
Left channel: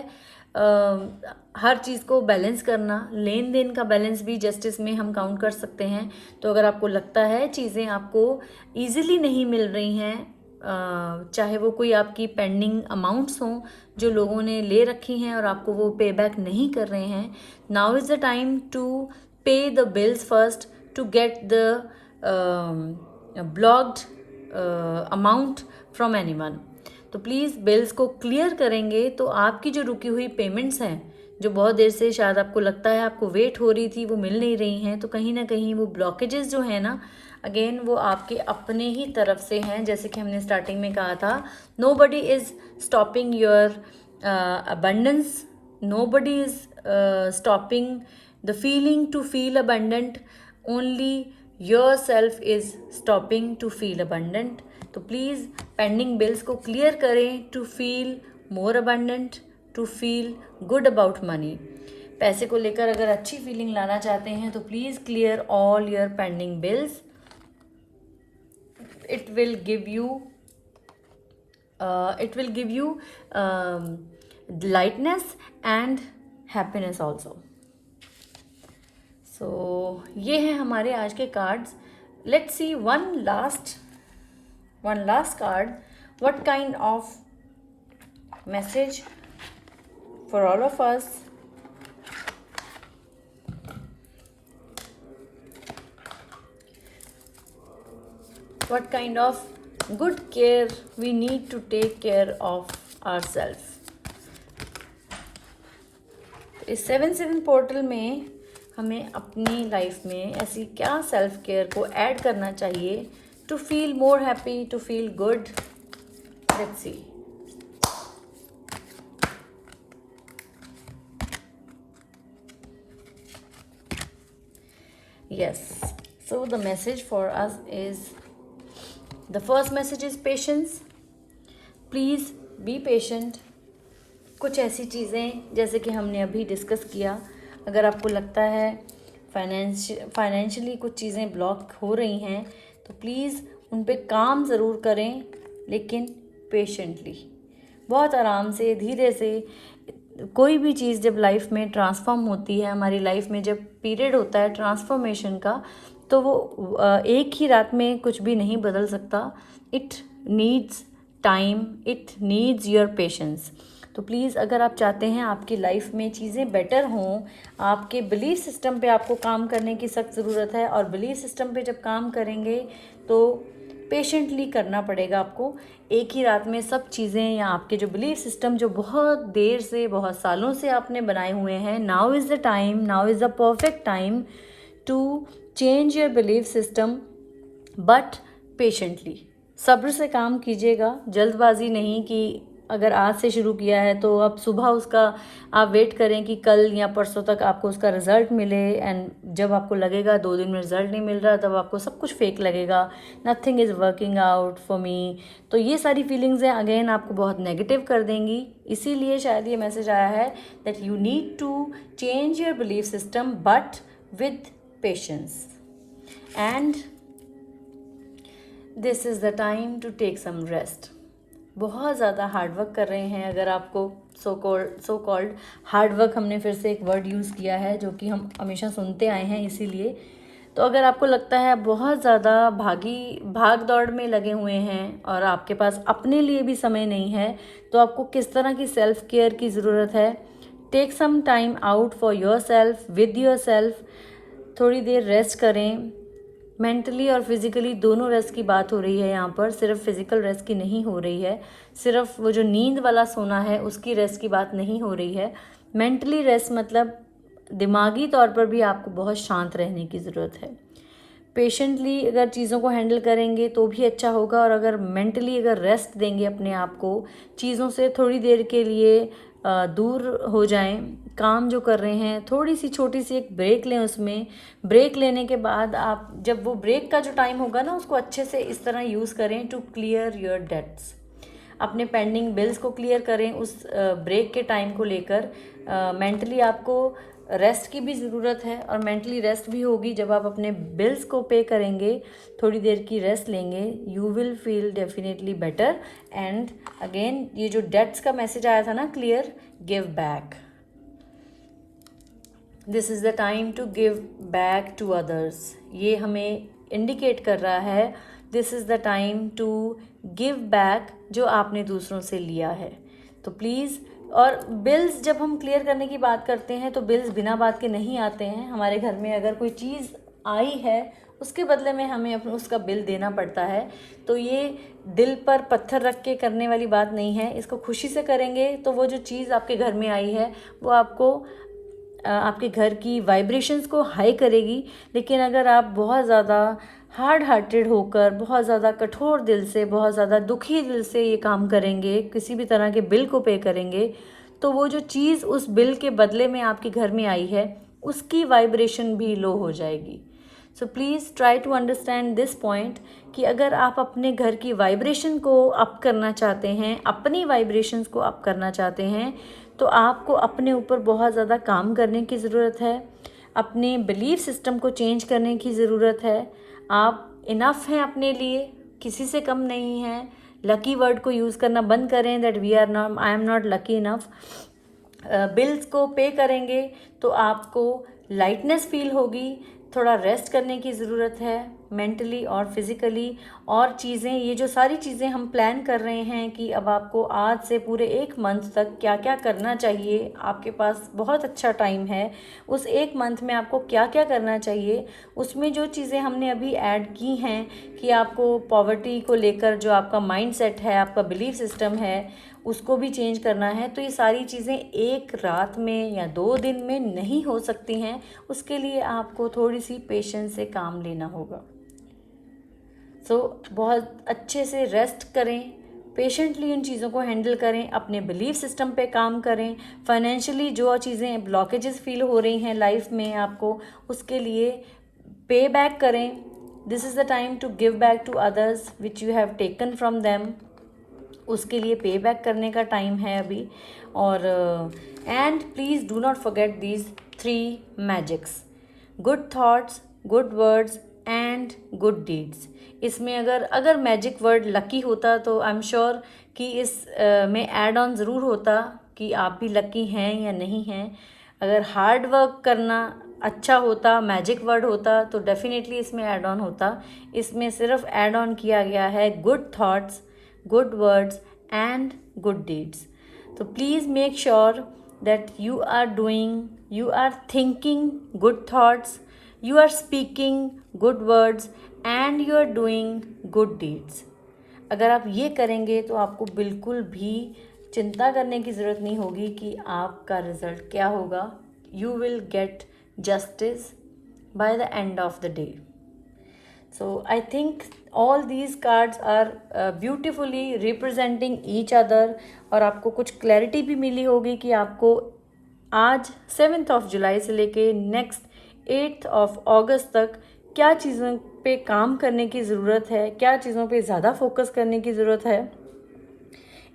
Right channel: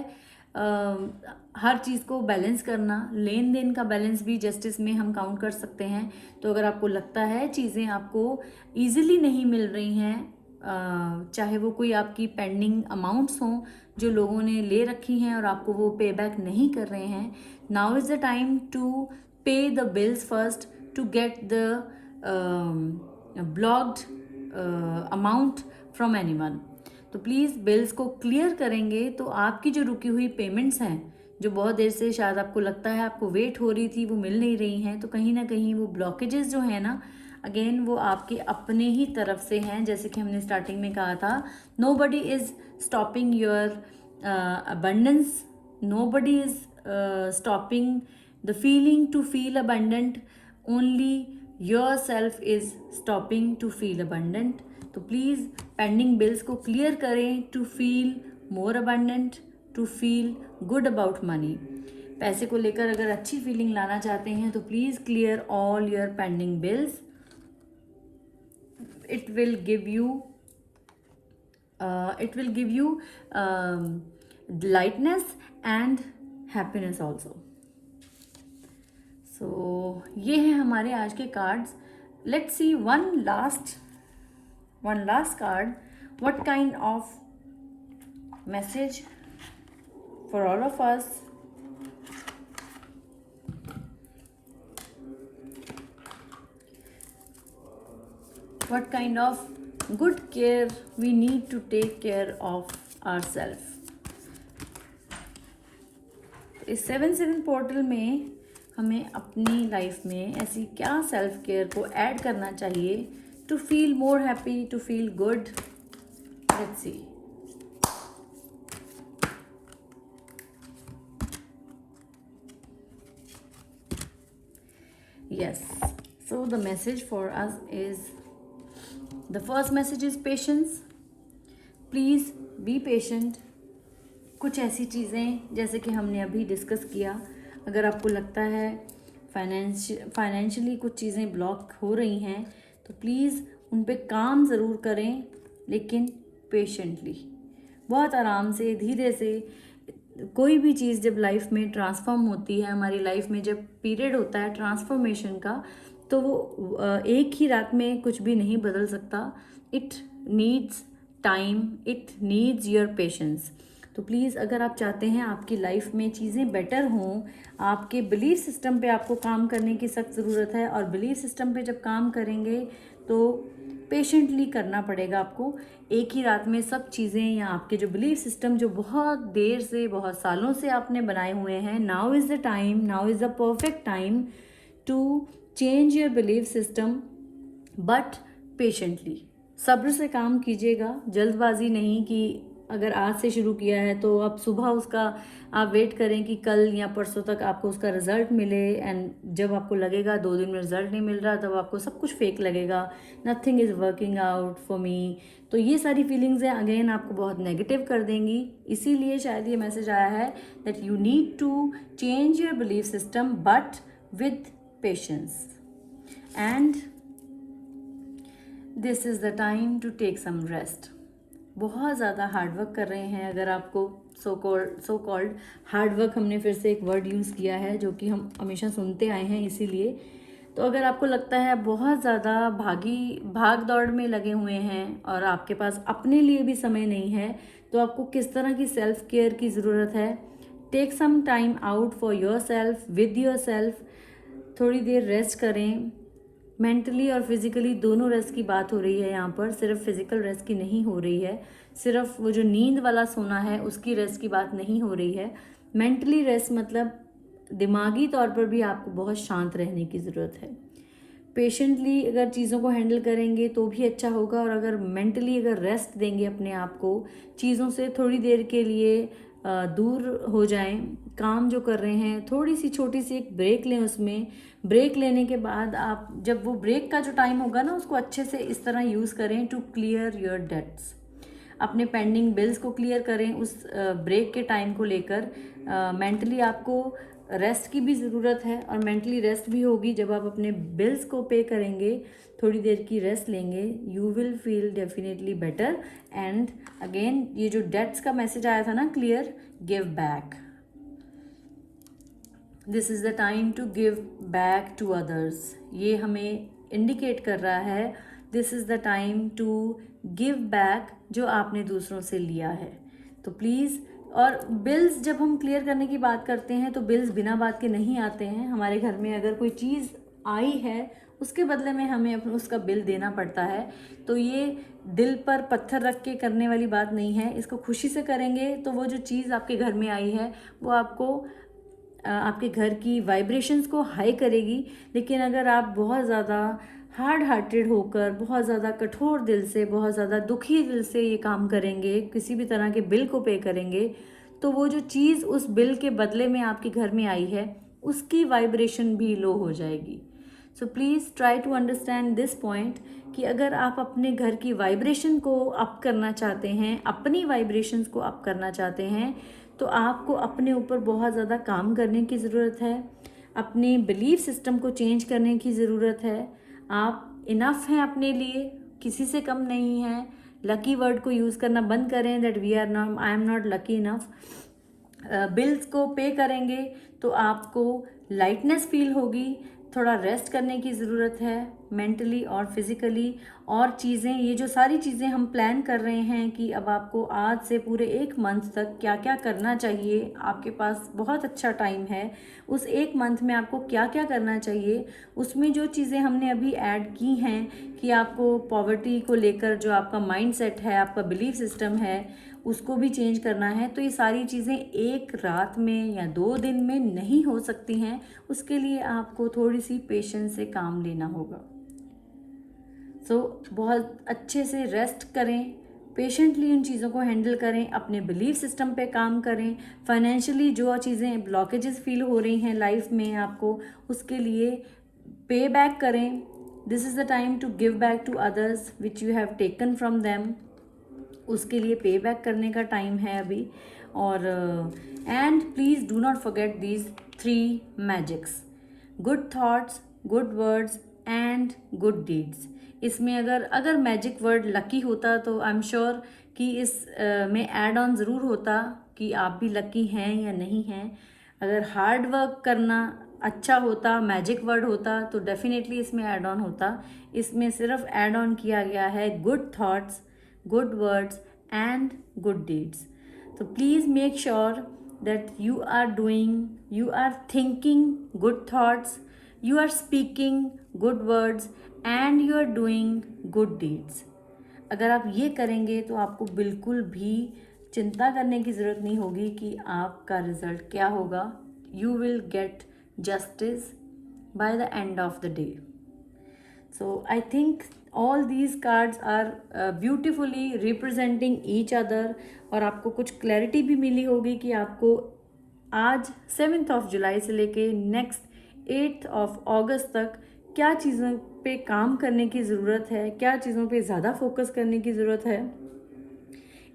हर चीज़ को बैलेंस करना, लेन देन का बैलेंस भी जस्टिस में हम काउंट कर सकते हैं। तो अगर आपको लगता है चीज़ें आपको ईजिली नहीं मिल रही हैं, चाहे वो कोई आपकी पेंडिंग अमाउंट्स हों जो लोगों ने ले रखी हैं और आपको वो पे बैक नहीं कर रहे हैं, now is the time to pay the bills first to get the blocked amount from anyone. तो प्लीज़ बिल्स को क्लियर करेंगे तो आपकी जो रुकी हुई पेमेंट्स हैं, जो बहुत देर से शायद आपको लगता है आपको वेट हो रही थी, वो मिल नहीं रही हैं, तो कहीं ना कहीं वो ब्लॉकेजेस जो है ना, अगेन वो आपके अपने ही तरफ से हैं। जैसे कि हमने स्टार्टिंग में कहा था, nobody is stopping your abundance, nobody is stopping the feeling to feel abundant, only yourself is stopping to feel abundant. तो प्लीज़ पेंडिंग बिल्स को क्लियर करें to feel more abundant, to feel good about money. पैसे को लेकर अगर अच्छी feeling लाना चाहते हैं तो please clear all your pending bills. it will give you lightness and happiness also. So ये है हमारे आज के cards. Let's see one last card. What kind of message for all of us? What kind of good care we need to take care of ourselves? इस 7/7 portal में हमें अपनी life में ऐसी क्या सेल्फ केयर को ऐड करना चाहिए to feel more happy, to feel good? Let's see. Yes, so the message for us is, the first message is patience. Please be patient. कुछ ऐसी चीज़ें जैसे कि हमने अभी डिस्कस किया, अगर आपको लगता है फाइनेंशियली कुछ चीज़ें ब्लॉक हो रही हैं तो प्लीज़ उन पे काम ज़रूर करें, लेकिन पेशेंटली, बहुत आराम से, धीरे से। कोई भी चीज़ जब लाइफ में ट्रांसफॉर्म होती है, हमारी लाइफ में जब पीरियड होता है ट्रांसफॉर्मेशन का, तो वो एक ही रात में कुछ भी नहीं बदल सकता। It needs time, it needs your patience. तो प्लीज़ अगर आप चाहते हैं आपकी लाइफ में चीज़ें बेटर हों, आपके बिलीफ सिस्टम पे आपको काम करने की सख्त ज़रूरत है। और बिलीफ सिस्टम पे जब काम करेंगे तो पेशेंटली करना पड़ेगा आपको। एक ही रात में सब चीज़ें, या आपके जो बिलीफ सिस्टम जो बहुत देर से, बहुत सालों से आपने बनाए हुए हैं, now is the time, now is the perfect time to change your belief system, but patiently. सब्र से काम कीजिएगा, जल्दबाजी नहीं कि अगर आज से शुरू किया है तो अब सुबह उसका आप वेट करें कि कल या परसों तक आपको उसका रिज़ल्ट मिले। एंड जब आपको लगेगा 2 दिन में रिज़ल्ट नहीं मिल रहा, तब आपको सब कुछ फेक लगेगा, nothing is working out for me. तो ये सारी फीलिंग्स हैं अगेन आपको बहुत नेगेटिव कर देंगी। इसीलिए शायद ये मैसेज आया है that you need to change your belief system but with patience, and this is the time to take some rest. बहुत ज़्यादा हार्डवर्क कर रहे हैं, अगर आपको सो कॉल्ड हार्डवर्क, हमने फिर से एक वर्ड यूज़ किया है जो कि हम हमेशा सुनते आए हैं, इसीलिए। तो अगर आपको लगता है बहुत ज़्यादा भाग दौड़ में लगे हुए हैं और आपके पास अपने लिए भी समय नहीं है, तो आपको किस तरह की सेल्फ केयर की ज़रूरत है। Take some time out for yourself, with yourself. थोड़ी देर रेस्ट करें, मेंटली और फिज़िकली दोनों रेस्ट की बात हो रही है यहाँ पर, सिर्फ फिज़िकल रेस्ट की नहीं हो रही है, सिर्फ वो जो नींद वाला सोना है उसकी रेस्ट की बात नहीं हो रही है। मेंटली रेस्ट मतलब दिमागी तौर पर भी आपको बहुत शांत रहने की ज़रूरत है। पेशेंटली अगर चीज़ों को हैंडल करेंगे तो भी अच्छा होगा, और अगर मेंटली अगर रेस्ट देंगे अपने आप को, चीज़ों से थोड़ी देर के लिए दूर हो जाएं, काम जो कर रहे हैं थोड़ी सी छोटी सी एक ब्रेक लें, उसमें ब्रेक लेने के बाद आप जब वो ब्रेक का जो टाइम होगा ना, उसको अच्छे से इस तरह यूज़ करें टू क्लियर योर डेट्स। अपने पेंडिंग बिल्स को क्लियर करें उस ब्रेक के टाइम को लेकर। मेंटली आपको रेस्ट की भी ज़रूरत है, और मेंटली रेस्ट भी होगी जब आप अपने बिल्स को पे करेंगे, थोड़ी देर की रेस्ट लेंगे, you will feel definitely better. And again ये जो डेट्स का मैसेज आया था ना, clear, give back. This is the time to give back to others. ये हमें इंडिकेट कर रहा है this is the time to give back जो आपने दूसरों से लिया है। तो प्लीज़, और बिल्स जब हम क्लियर करने की बात करते हैं तो बिल्स बिना बात के नहीं आते हैं। हमारे घर में अगर कोई चीज़ आई है उसके बदले में हमें अपना उसका बिल देना पड़ता है, तो ये दिल पर पत्थर रख के करने वाली बात नहीं है। इसको खुशी से करेंगे तो वो जो चीज़ आपके घर में आई है वो आपको आपके घर की वाइब्रेशंस को हाई करेगी। लेकिन अगर आप बहुत ज़्यादा हार्ड हार्टेड होकर, बहुत ज़्यादा कठोर दिल से, बहुत ज़्यादा दुखी दिल से ये काम करेंगे, किसी भी तरह के बिल को पे करेंगे, तो वो जो चीज़ उस बिल के बदले में आपके घर में आई है उसकी वाइब्रेशन भी लो हो जाएगी। So please try to understand this point कि अगर आप अपने घर की वाइब्रेशन को अप करना चाहते हैं, अपनी वाइब्रेशंस को अप करना चाहते हैं, तो आपको अपने ऊपर बहुत ज़्यादा काम करने की ज़रूरत है, अपने बिलीफ सिस्टम को चेंज करने की ज़रूरत है। आप इनफ हैं अपने लिए, किसी से कम नहीं हैं। लकी वर्ड को यूज़ करना बंद करें, that we are not, I am not lucky enough. Bills को पे करेंगे तो आपको लाइटनेस फील होगी। थोड़ा रेस्ट करने की ज़रूरत है मेंटली और फिज़िकली। और चीज़ें, ये जो सारी चीज़ें हम प्लान कर रहे हैं कि अब आपको आज से पूरे 1 मंथ तक क्या क्या करना चाहिए, आपके पास बहुत अच्छा टाइम है। उस 1 मंथ में आपको क्या क्या करना चाहिए, उसमें जो चीज़ें हमने अभी ऐड की हैं कि आपको पॉवर्टी को लेकर जो आपका माइंडसेट है, आपका बिलीफ सिस्टम है, उसको भी चेंज करना है। तो ये सारी चीज़ें एक रात में या 2 दिन में नहीं हो सकती हैं। उसके लिए आपको थोड़ी सी पेशेंस से काम लेना होगा। बहुत अच्छे से रेस्ट करें, पेशेंटली इन चीज़ों को हैंडल करें, अपने बिलीफ सिस्टम पे काम करें। फाइनेंशियली जो चीज़ें ब्लॉकेजेस फील हो रही हैं लाइफ में आपको, उसके लिए पे बैक करें। This is the time to give back to others which you have taken from them. उसके लिए पे बैक करने का टाइम है अभी। और and please do not forget these 3 magics, good thoughts, good words and good deeds. इसमें अगर magic word lucky होता तो आई एम श्योर कि इस में ऐड ऑन ज़रूर होता कि आप भी लकी हैं या नहीं हैं। अगर हार्ड वर्क करना अच्छा होता, मैजिक वर्ड होता, तो डेफिनेटली इसमें ऐड ऑन होता। इसमें सिर्फ ऐड ऑन किया गया है good thoughts, good words and good deeds. तो please make sure that you are thinking good thoughts, you are speaking good words and you are doing good deeds। अगर आप ये करेंगे तो आपको बिल्कुल भी चिंता करने की ज़रूरत नहीं होगी कि आपका रिज़ल्ट क्या होगा। You will get justice by the end of the day। So I think all these cards are beautifully representing each other और आपको कुछ क्लैरिटी भी मिली होगी कि आपको आज 7th of July से लेके नेक्स्ट 8th of August तक क्या चीज़ों पे काम करने की ज़रूरत है, क्या चीज़ों पे ज़्यादा फोकस करने की ज़रूरत है।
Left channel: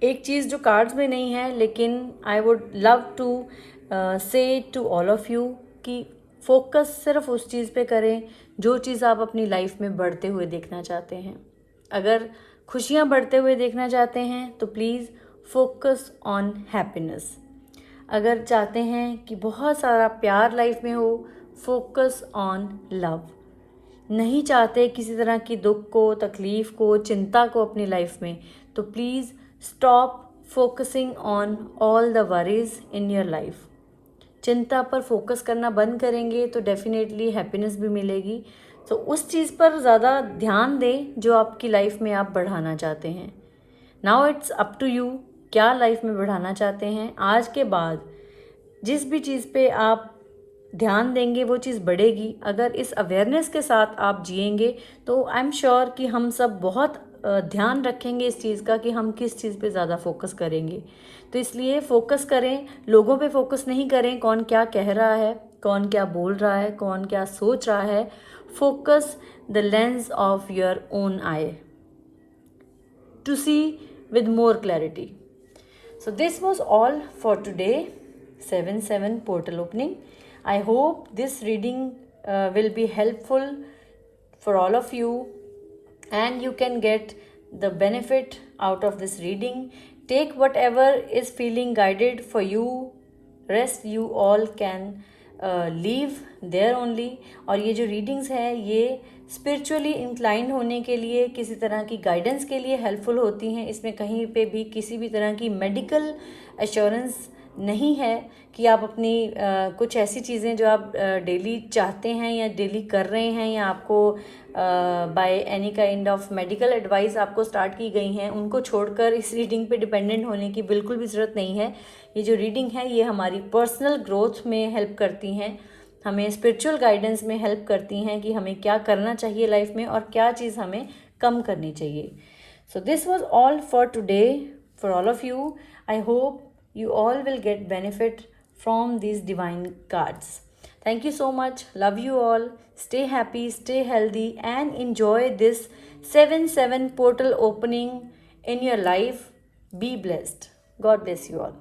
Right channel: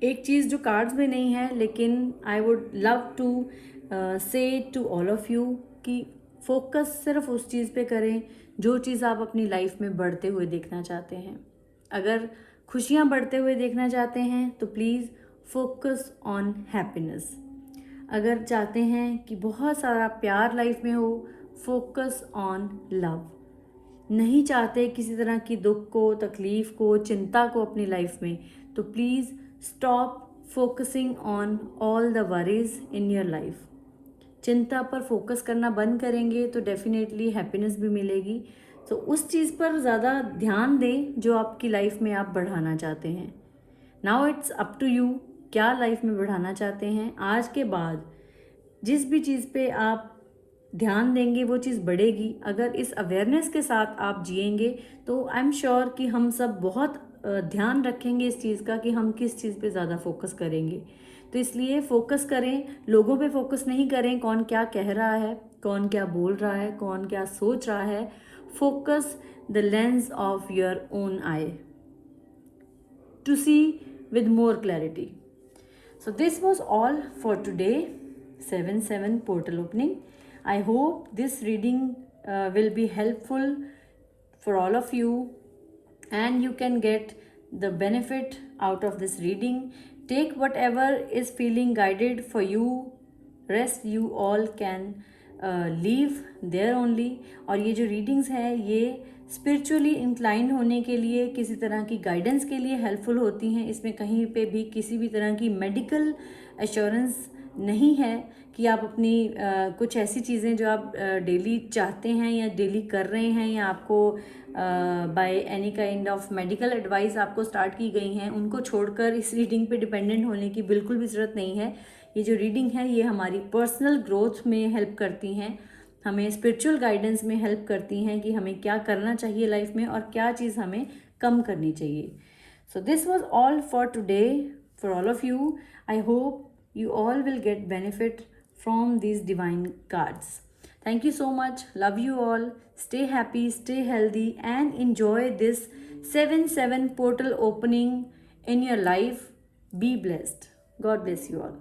एक चीज़ जो कार्ड्स में नहीं है, लेकिन आई वुड लव टू से टू ऑल ऑफ़ यू कि फोकस सिर्फ उस चीज़ पे करें जो चीज़ आप अपनी लाइफ में बढ़ते हुए देखना चाहते हैं। अगर खुशियाँ बढ़ते हुए देखना चाहते हैं तो प्लीज़ फोकस ऑन हैप्पीनेस। अगर चाहते हैं कि बहुत सारा प्यार लाइफ में हो, फोकस ऑन लव। नहीं चाहते किसी तरह की दुख को, तकलीफ़ को, चिंता को अपनी लाइफ में, तो please stop focusing on all the worries in your life. चिंता पर फोकस करना बंद करेंगे तो डेफिनेटली हैप्पीनेस भी मिलेगी। तो उस चीज़ पर ज़्यादा ध्यान दें जो आपकी लाइफ में आप बढ़ाना चाहते हैं। Now it's up to you, क्या लाइफ में बढ़ाना चाहते हैं। आज के बाद जिस भी चीज़ पे आप ध्यान देंगे वो चीज़ बढ़ेगी। अगर इस अवेयरनेस के साथ आप जिएंगे तो आई एम श्योर कि हम सब बहुत ध्यान रखेंगे इस चीज़ का कि हम किस चीज़ पे ज़्यादा फोकस करेंगे। तो इसलिए फोकस करें, लोगों पे फोकस नहीं करें कौन क्या कह रहा है, कौन क्या बोल रहा है, कौन क्या सोच रहा है। Focus the lens of your own eye to see with more clarity। So this was all for today 7/7 portal opening। I hope this reading will be helpful for all of you and you can get the benefit out of this reading। Take whatever is feeling guided for you, rest you all can leave there only। और ये जो readings हैं ये spiritually inclined होने के लिए, किसी तरह की गाइडेंस के लिए हेल्पफुल होती हैं। इसमें कहीं पे भी किसी भी तरह की मेडिकल एश्योरेंस नहीं है कि आप अपनी कुछ ऐसी चीज़ें जो आप डेली चाहते हैं या डेली कर रहे हैं या आपको by any kind of medical advice आपको स्टार्ट की गई हैं, उनको छोड़कर इस रीडिंग पे डिपेंडेंट होने की बिल्कुल भी ज़रूरत नहीं है। ये जो रीडिंग है ये हमारी पर्सनल ग्रोथ में हेल्प करती हैं, हमें स्पिरिचुअल गाइडेंस में हेल्प करती हैं कि हमें क्या करना चाहिए लाइफ में और क्या चीज़ हमें कम करनी चाहिए। So this was all for today for all of you. I hope you all will get benefit from these divine cards। Thank you so much, love you all, stay happy, stay healthy and enjoy this 7/7 portal opening in your life। Be blessed, God bless you all।